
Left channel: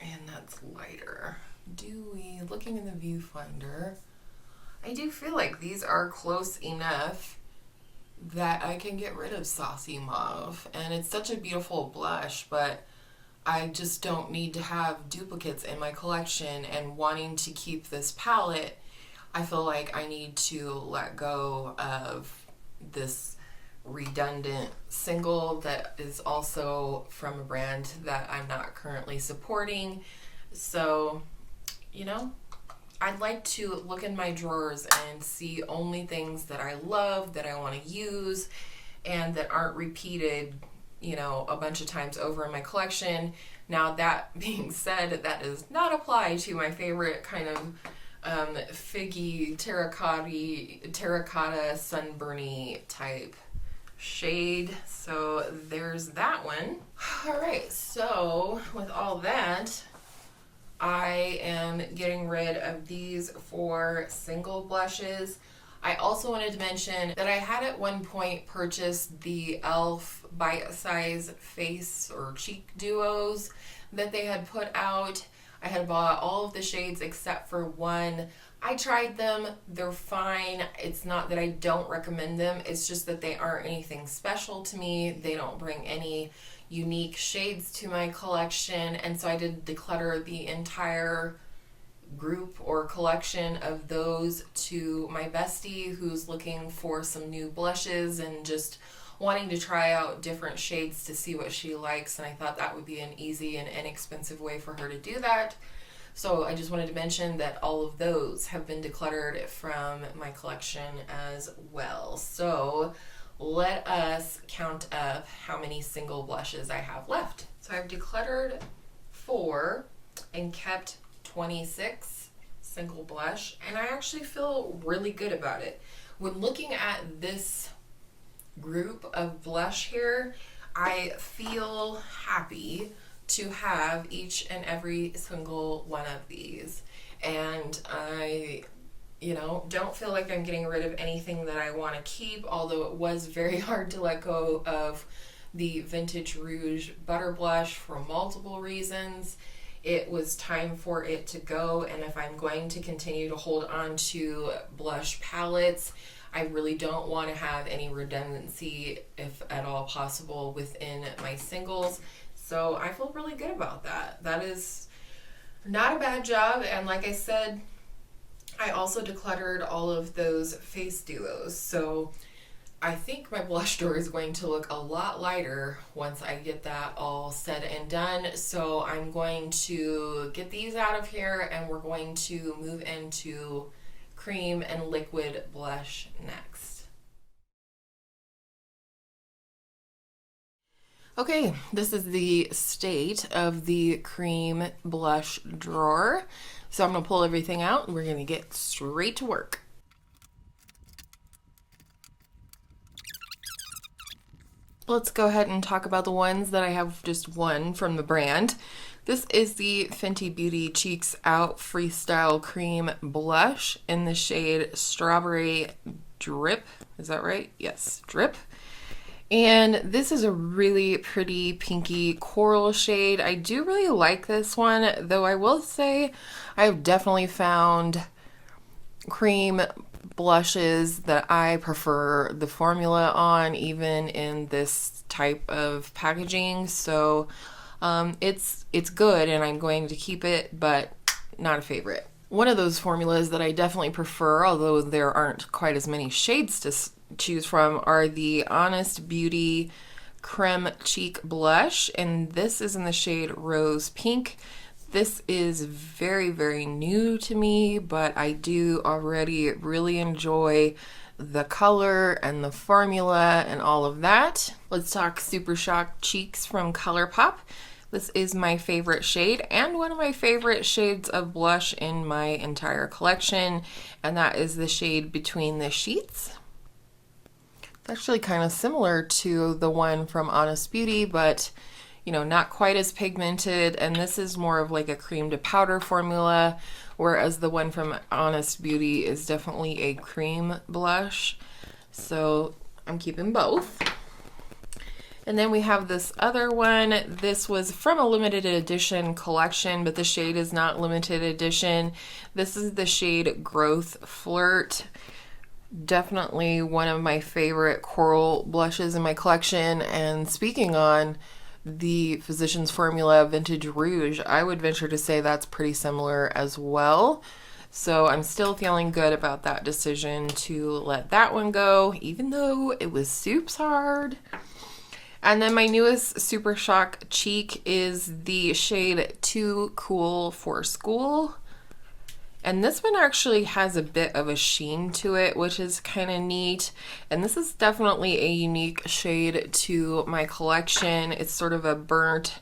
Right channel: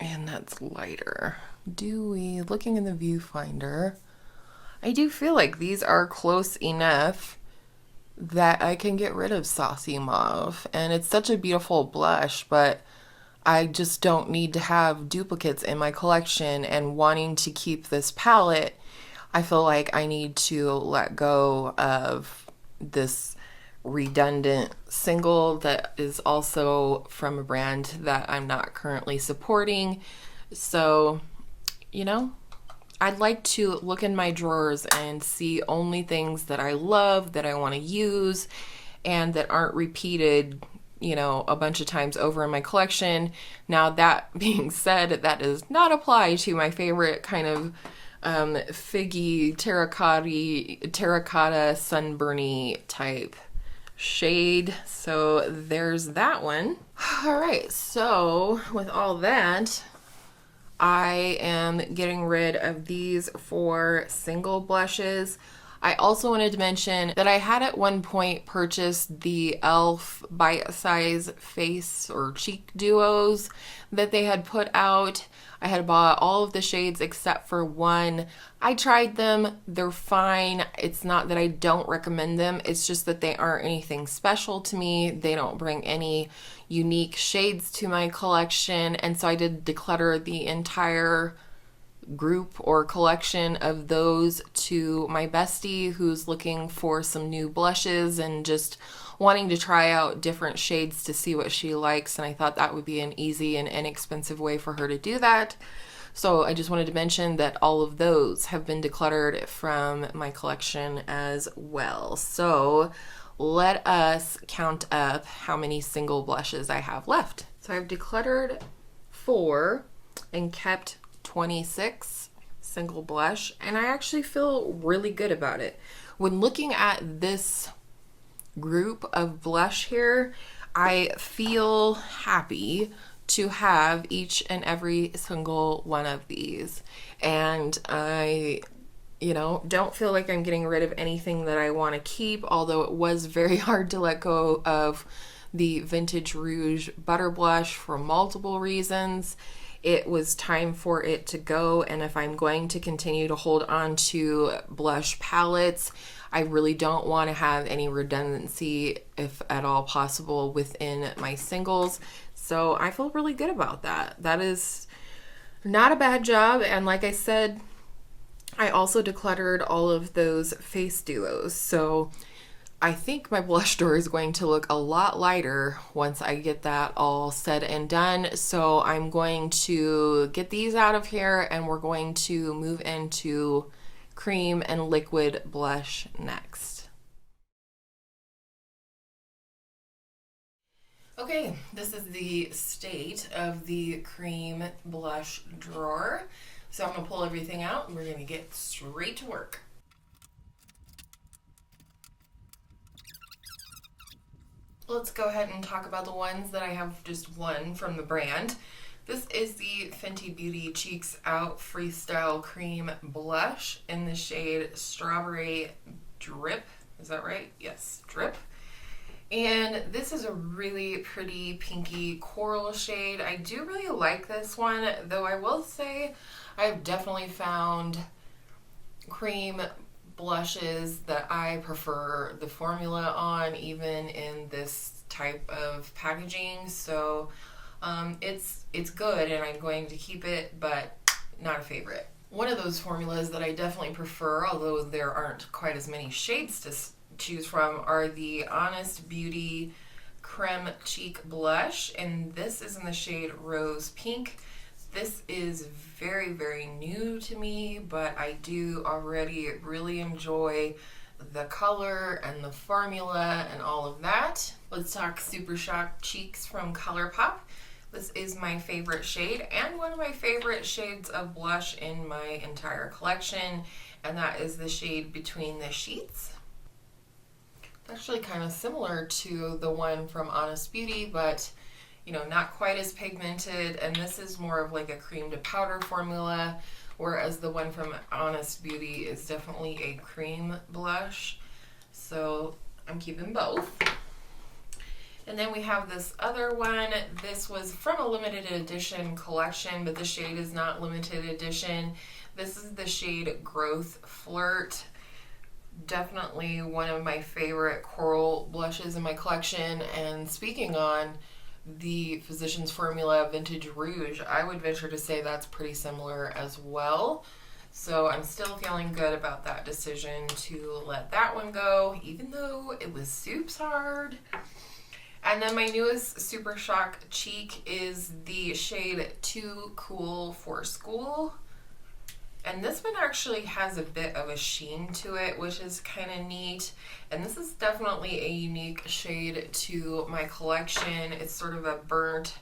And that's lighter. Looking in the viewfinder, I do feel like these are close enough that I can get rid of Saucy Mauve. And it's such a beautiful blush, but I just don't need to have duplicates in my collection, and wanting to keep this palette, I feel like I need to let go of this redundant single that is also from a brand that I'm not currently supporting. So, you know, I'd like to look in my drawers and see only things that I love, that I want to use, and that aren't repeated, you know, a bunch of times over in my collection. Now, that being said, that does not apply to my favorite kind of figgy, terracotta, sunburny type shade. So there's that one. All right, so with all that, I am getting rid of these 4 single blushes. I also wanted to mention that I had at one point purchased the e.l.f. Bite Size Face or Cheek Duos that they had put out. I had bought all of the shades except for one. I tried them. They're fine. It's not that I don't recommend them. It's just that they aren't anything special to me. They don't bring any unique shades to my collection. And so I did declutter the entire group or collection of those to my bestie who's looking for some new blushes and just wanting to try out different shades to see what she likes. And I thought that would be an easy and inexpensive way for her to do that. So I just wanted to mention that all of those have been decluttered from my collection as well. So let us count up how many single blushes I have left. So I've decluttered 4 and kept 26 single blush, and I actually feel really good about it. When looking at this group of blush here, I feel happy to have each and every single one of these, and I, you know, don't feel like I'm getting rid of anything that I want to keep, although it was very hard to let go of the Vintage Rouge Butter Blush for multiple reasons. It was time for it to go, and if I'm going to continue to hold on to blush palettes, I really don't want to have any redundancy, if at all possible, within my singles. So I feel really good about that. That is not a bad job. And like I said, I also decluttered all of those face duos. So I think my blush drawer is going to look a lot lighter once I get that all said and done. So I'm going to get these out of here, and we're going to move into cream and liquid blush next. Okay, this is the state of the cream blush drawer. So I'm gonna pull everything out and we're gonna get straight to work. Let's go ahead and talk about the ones that I have just one from the brand. This is the Fenty Beauty Cheeks Out Freestyle Cream Blush in the shade Strawberry Drip. Is that right? Yes, Drip. And this is a really pretty pinky coral shade. I do really like this one, though I will say I've definitely found cream blushes that I prefer the formula on, even in this type of packaging. So it's good and I'm going to keep it, but not a favorite. One of those formulas that I definitely prefer, although there aren't quite as many shades to choose from, are the Honest Beauty Creme Cheek Blush, and this is in the shade Rose Pink. This is very, very new to me, but I do already really enjoy the color and the formula and all of that. Let's talk Super Shock Cheeks from ColourPop. This is my favorite shade and one of my favorite shades of blush in my entire collection, and that is the shade Between the Sheets. It's actually kind of similar to the one from Honest Beauty, but you know, not quite as pigmented, and this is more of like a cream to powder formula, whereas the one from Honest Beauty is definitely a cream blush. So I'm keeping both. And then we have this other one. This was from a limited edition collection, but the shade is not limited edition. This is the shade Growth Flirt. Definitely one of my favorite coral blushes in my collection. And speaking on the Physicians Formula Vintage Rouge, I would venture to say that's pretty similar as well. So I'm still feeling good about that decision to let that one go, even though it was soups hard. And then my newest Super Shock cheek is the shade Too Cool for School. And this one actually has a bit of a sheen to it, which is kind of neat. And this is definitely a unique shade to my collection. It's sort of a burnt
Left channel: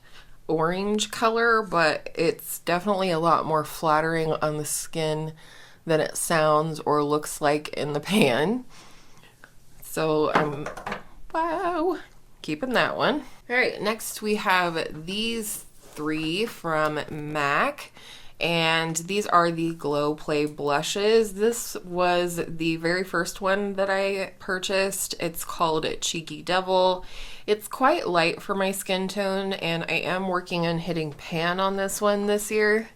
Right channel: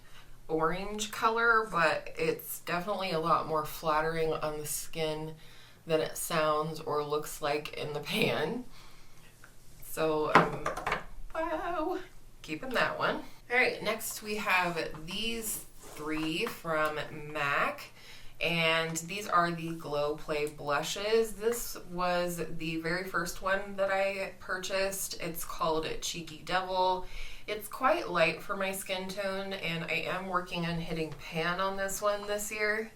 orange color, but it's definitely a lot more flattering on the skin than it sounds or looks like in the pan. So, wow, keeping that one. All right, next we have these three from MAC. And these are the Glow Play blushes. This was the very first one that I purchased. It's called Cheeky Devil. It's quite light for my skin tone, and I am working on hitting pan on this one this year.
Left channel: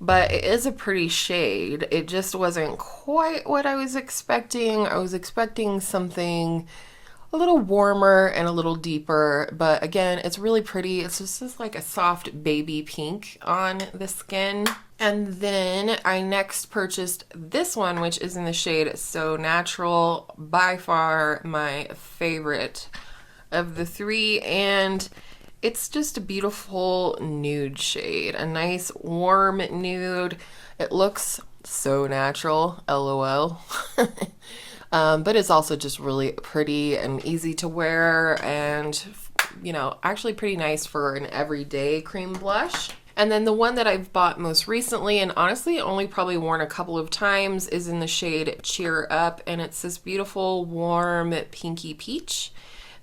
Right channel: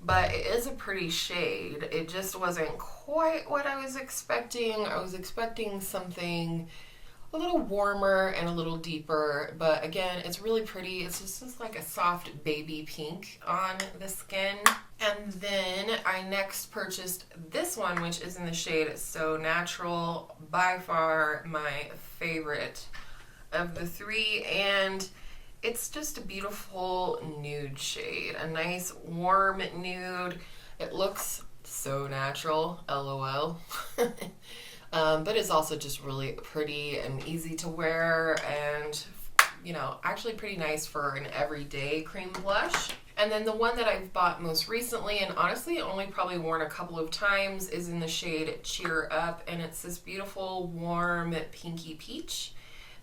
But it is a pretty shade. It just wasn't quite what I was expecting. I was expecting something a little warmer and a little deeper, but again, it's really pretty. It's just like a soft baby pink on the skin. And then I next purchased this one, which is in the shade So Natural, by far my favorite of the three, and it's just a beautiful nude shade, a nice warm nude. It looks so natural, LOL. But it's also just really pretty and easy to wear, and you know, actually pretty nice for an everyday cream blush. And then the one that I've bought most recently, and honestly only probably worn a couple of times, is in the shade Cheer Up, and it's this beautiful warm pinky peach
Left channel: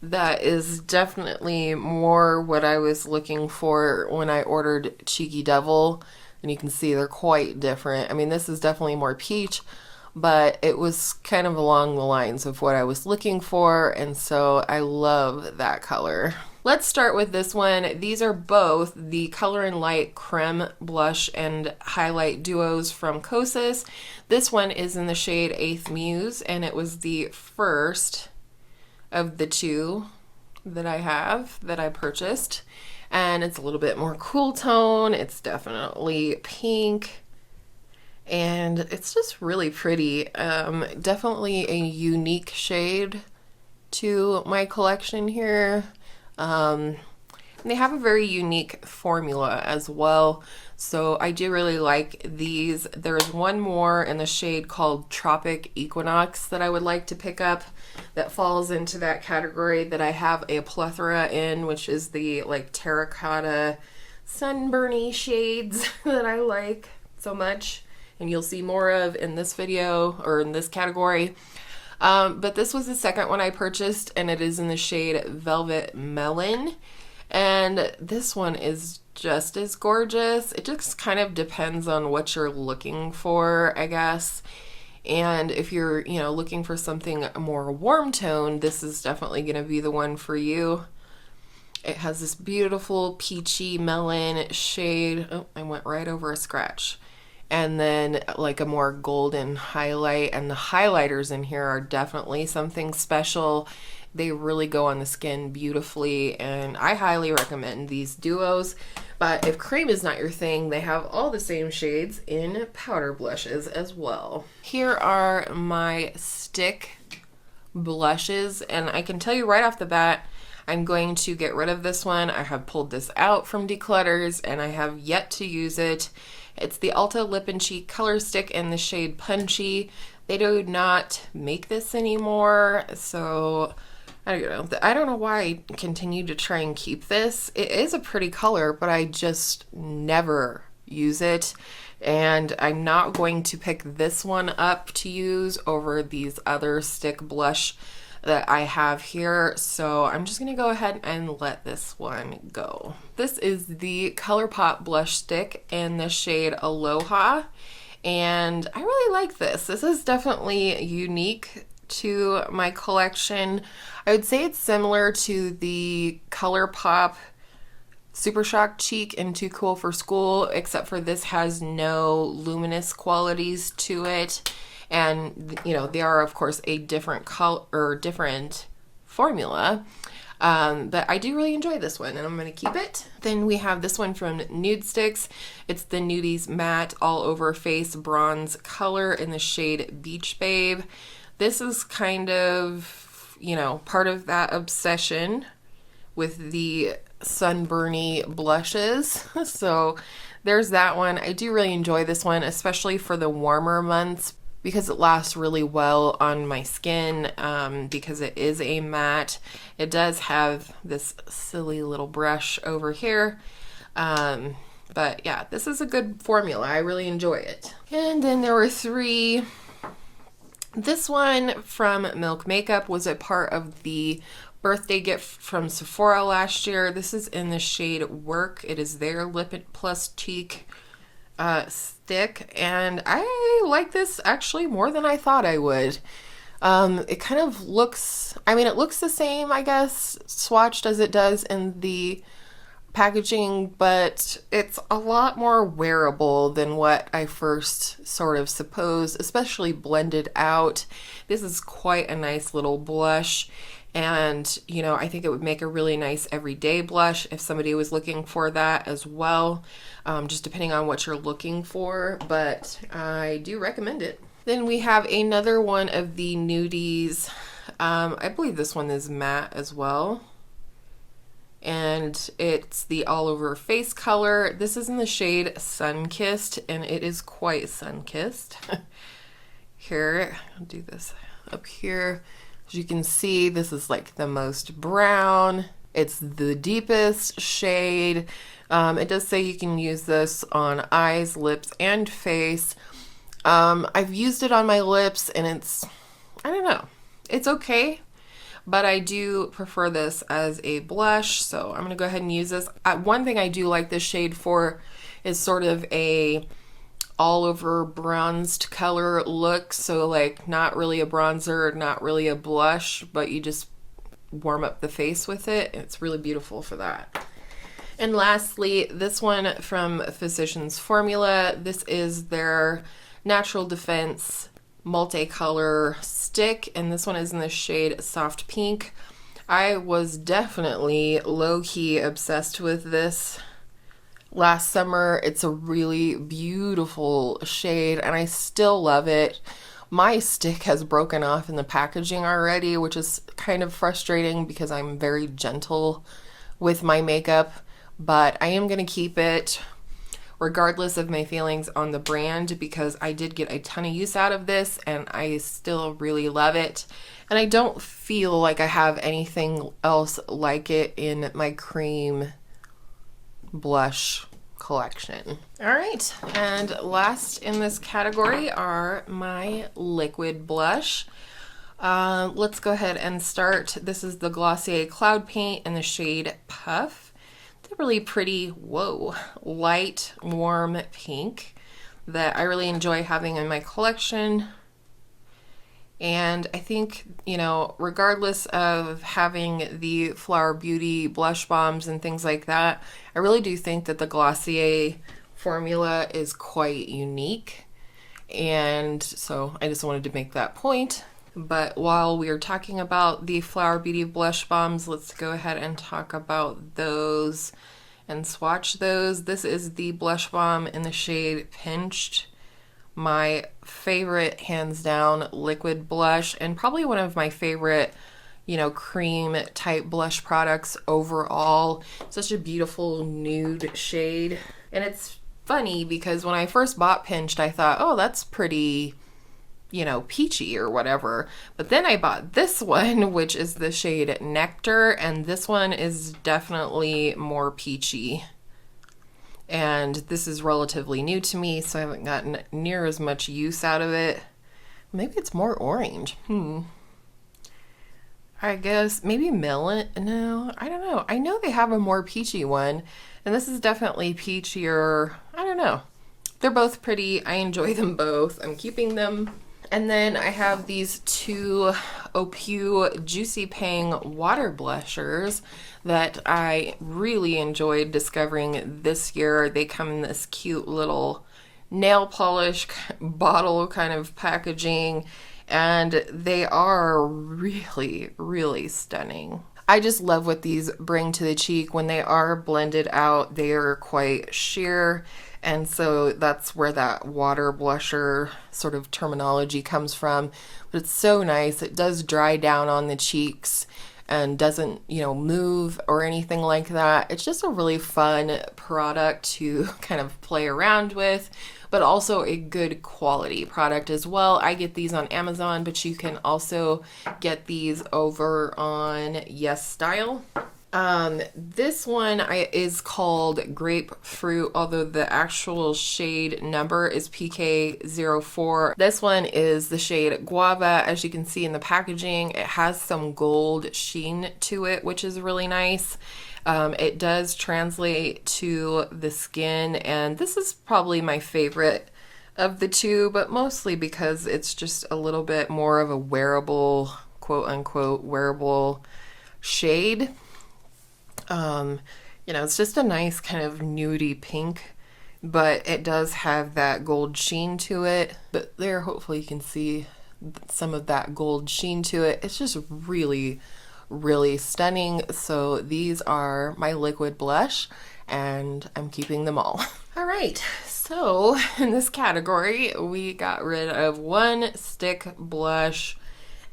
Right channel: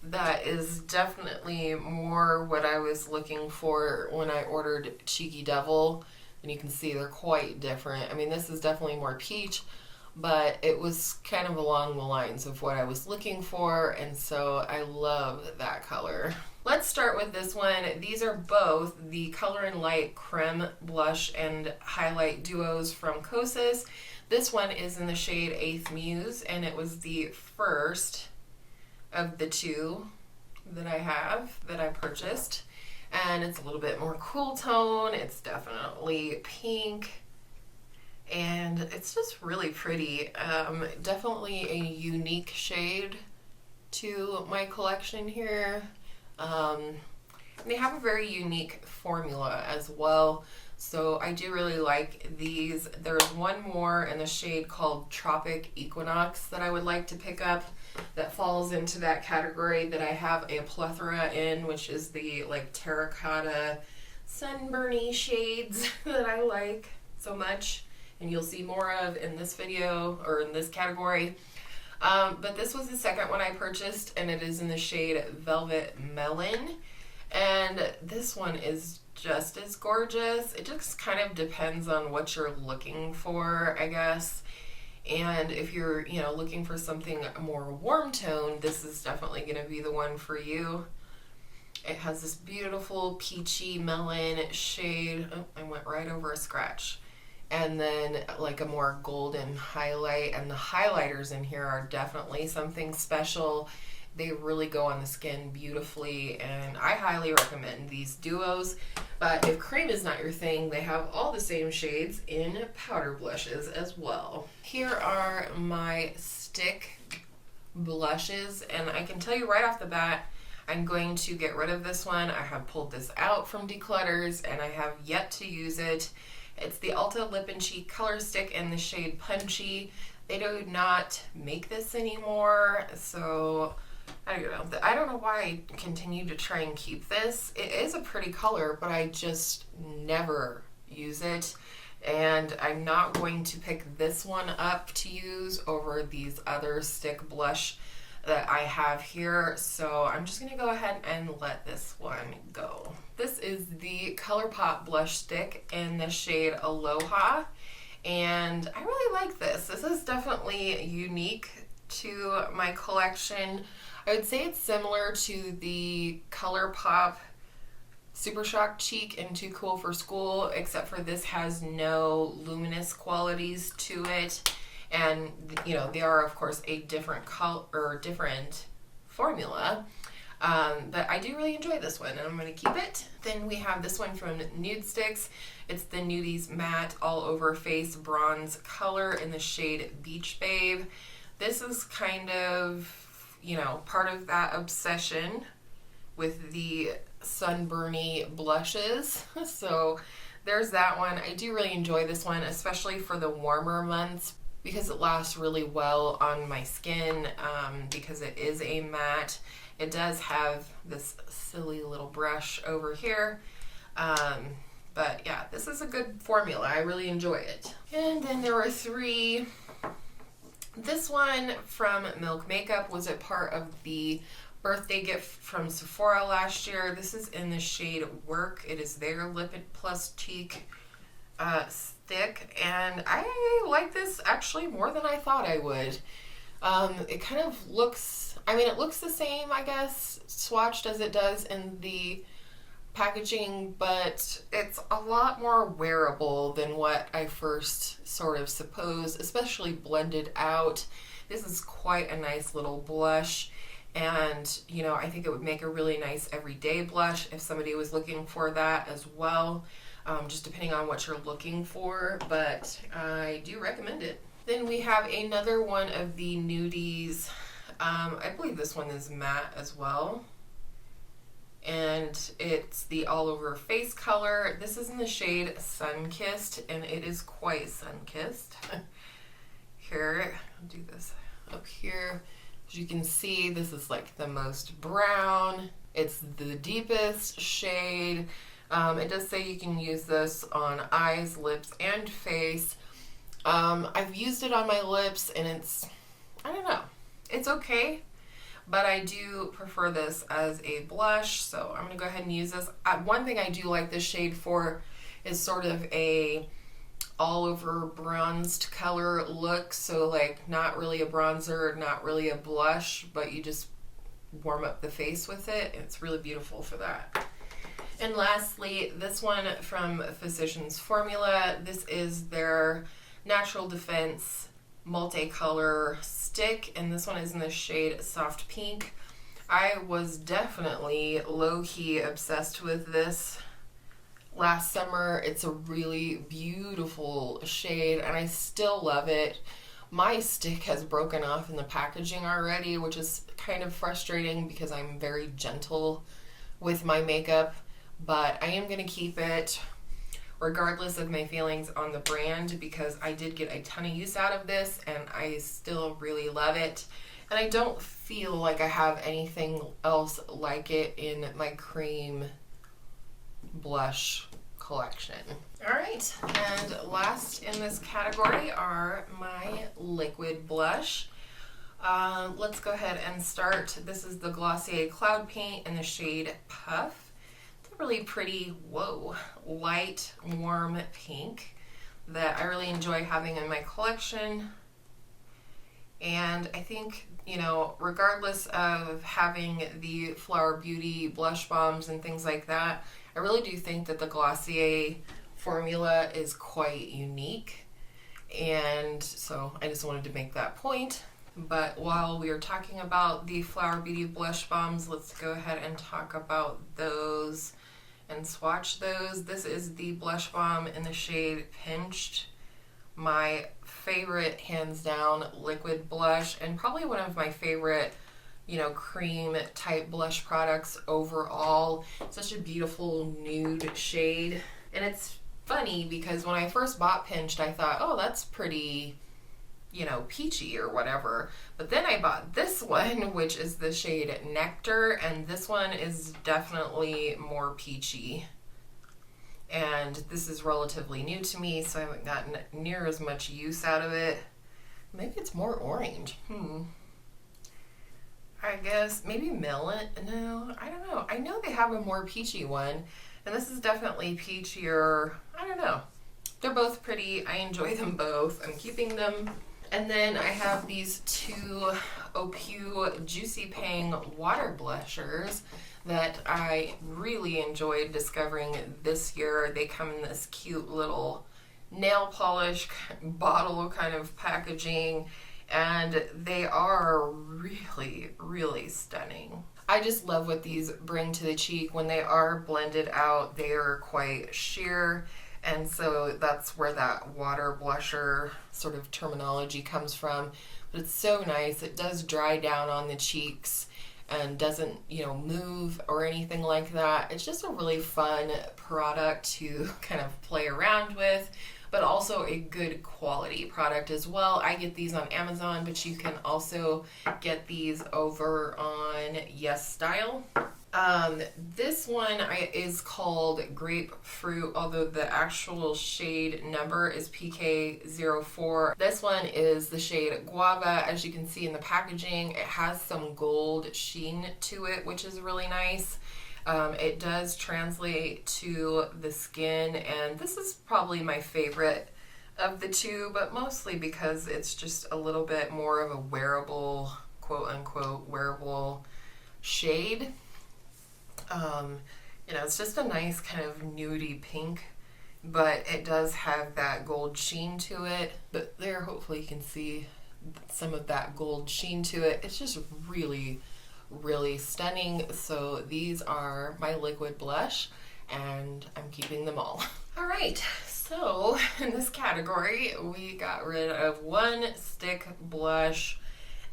that is definitely more what I was looking for when I ordered Cheeky Devil. And you can see they're quite different. I mean, this is definitely more peach, but it was kind of along the lines of what I was looking for, and so I love that color. Let's start with this one. These are both the Color and Light Creme Blush and Highlight Duos from Kosas. This one is in the shade Eighth Muse, and it was the first of the two that I have, that I purchased. And it's a little bit more cool tone. It's definitely pink. And it's just really pretty. Definitely a unique shade to my collection here. And they have a very unique formula as well. So I do really like these. There's one more in the shade called Tropic Equinox that I would like to pick up that falls into that category that I have a plethora in, which is the like terracotta sunburny shades that I like so much. And you'll see more of in this video, or in this category. But this was the second one I purchased, and it is in the shade Velvet Melon. And this one is just as gorgeous. It just kind of depends on what you're looking for, I guess. And if you're, you know, looking for something more warm tone, this is definitely going to be the one for you. It has this beautiful peachy melon shade. Oh, I went right over a scratch. And then like a more golden highlight, and the highlighters in here are definitely something special. They really go on the skin beautifully, and I highly recommend these duos. But if cream is not your thing, they have all the same shades in powder blushes as well. Here are my stick blushes, and I can tell you right off the bat, I'm going to get rid of this one. I have pulled this out from Declutters, and I have yet to use it. It's the Ulta Lip and Cheek Color Stick in the shade Punchy. They do not make this anymore, so I don't know why I continue to try and keep this. It is a pretty color, but I just never use it. And I'm not going to pick this one up to use over these other stick blush that I have here. So I'm just gonna go ahead and let this one go. This is the ColourPop blush stick in the shade Aloha. And I really like this. This is definitely unique to my collection. I would say it's similar to the ColourPop Super Shock Cheek in Too Cool for School, except for this has no luminous qualities to it. And, you know, they are, of course, a different color or different formula. But I do really enjoy this one, and I'm going to keep it. Then we have this one from Nude Sticks. It's the Nudies Matte All Over Face Bronze Color in the shade Beach Babe. This is kind of, you know, part of that obsession with the sunburny blushes. So there's that one. I do really enjoy this one, especially for the warmer months, because it lasts really well on my skin, because it is a matte. It does have this silly little brush over here. But yeah, this is a good formula. I really enjoy it. And then there were three. This one from Milk Makeup was a part of the birthday gift from Sephora last year. This is in the shade Work. It is their Lip Plus Cheek stick, and I like this actually more than I thought I would. It kind of looks, I mean, it looks the same, I guess, swatched as it does in the packaging, but it's a lot more wearable than what I first sort of supposed, especially blended out. This is quite a nice little blush, and you know, I think it would make a really nice everyday blush if somebody was looking for that as well, just depending on what you're looking for, but I do recommend it. Then we have another one of the Nudies. I believe this one is matte as well, and it's the All Over Face color. This is in the shade Sunkissed, and it is quite sun-kissed. Here, I'll do this up here. As you can see, this is like the most brown. It's the deepest shade. It does say you can use this on eyes, lips, and face. I've used it on my lips, and it's, I don't know, it's okay, but I do prefer this as a blush, so I'm gonna go ahead and use this. One thing I do like this shade for is sort of a all over bronzed color look, so like not really a bronzer, not really a blush, but you just warm up the face with it, and it's really beautiful for that. And lastly, this one from Physicians Formula. This is their Natural Defense multicolor stick, and this one is in the shade Soft Pink. I was definitely low-key obsessed with this last summer. It's a really beautiful shade, and I still love it. My stick has broken off in the packaging already, which is kind of frustrating because I'm very gentle with my makeup, but I am going to keep it regardless of my feelings on the brand, because I did get a ton of use out of this and I still really love it. And I don't feel like I have anything else like it in my cream blush collection. All right, and last in this category are my liquid blush. Let's go ahead and start. This is the Glossier Cloud Paint in the shade Puff. really pretty, whoa, light, warm pink that I really enjoy having in my collection. And I think, you know, regardless of having the Flower Beauty blush bombs and things like that, I really do think that the Glossier formula is quite unique. And so I just wanted to make that point. But while we are talking about the Flower Beauty blush bombs, let's go ahead and talk about those and swatch those. This is the blush bomb in the shade Pinched. My favorite, hands down, liquid blush, and probably one of my favorite, you know, cream type blush products overall. Such a beautiful nude shade. And it's funny because when I first bought Pinched, I thought, oh, that's pretty, you know, peachy or whatever. But then I bought this one, which is the shade Nectar, and this one is definitely more peachy. And this is relatively new to me, so I haven't gotten near as much use out of it. Maybe it's more orange. I guess maybe melon. No, I don't know. I know they have a more peachy one, and this is definitely peachier. I don't know. They're both pretty. I enjoy them both. I'm keeping them. And then I have these two Opu Juicy Pang water blushers that I really enjoyed discovering this year. They come in this cute little nail polish bottle kind of packaging, and they are really, really stunning. I just love what these bring to the cheek. When they are blended out, they are quite sheer, and so that's where that water blusher sort of terminology comes from. But it's so nice. It does dry down on the cheeks and doesn't, you know, move or anything like that. It's just a really fun product to kind of play around with, but also a good quality product as well. I get these on Amazon, but you can also get these over on Yes Style. This one is called Grapefruit, although the actual shade number is PK04. This one is the shade Guava. As you can see in the packaging, it has some gold sheen to it, which is really nice. It does translate to the skin, and this is probably my favorite of the two, but mostly because it's just a little bit more of a wearable, quote unquote, wearable shade. You know, it's just a nice kind of nudie pink, but it does have that gold sheen to it. But there, hopefully you can see some of that gold sheen to it. It's just really, really stunning. So these are my liquid blush, and I'm keeping them all. All right, so in this category, we got rid of one stick blush.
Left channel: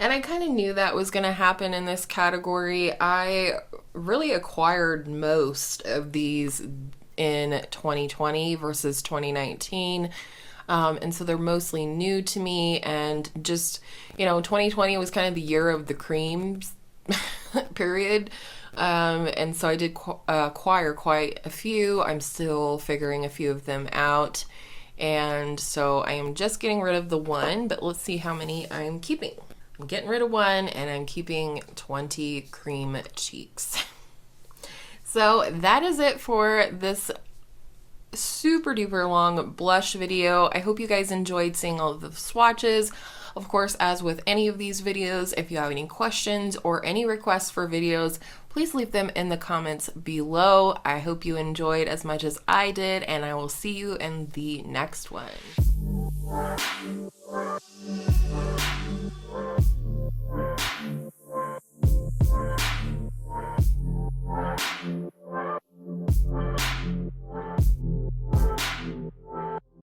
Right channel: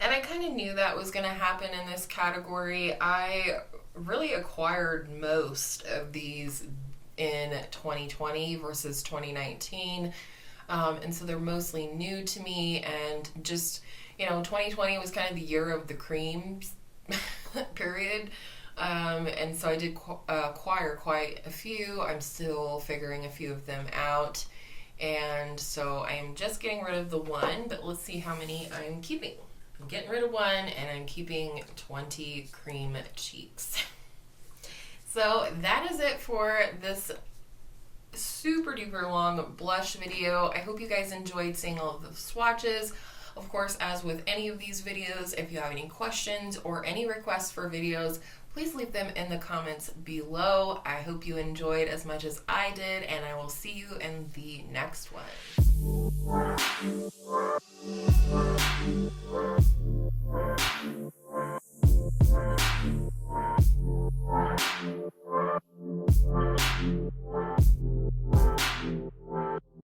And I kind of knew that was going to happen in this category. I really acquired most of these in 2020 versus 2019. And so they're mostly new to me, and just, you know, 2020 was kind of the year of the creams period. And so I did acquire quite a few. I'm still figuring a few of them out. And so I am just getting rid of the one, but let's see how many I'm keeping. I'm getting rid of one, and I'm keeping 20 cream cheeks. So that is it for this super duper long blush video. I hope you guys enjoyed seeing all of the swatches. Of course, as with any of these videos, if you have any questions or any requests for videos, please leave them in the comments below. I hope you enjoyed as much as I did, and I will see you in the next one.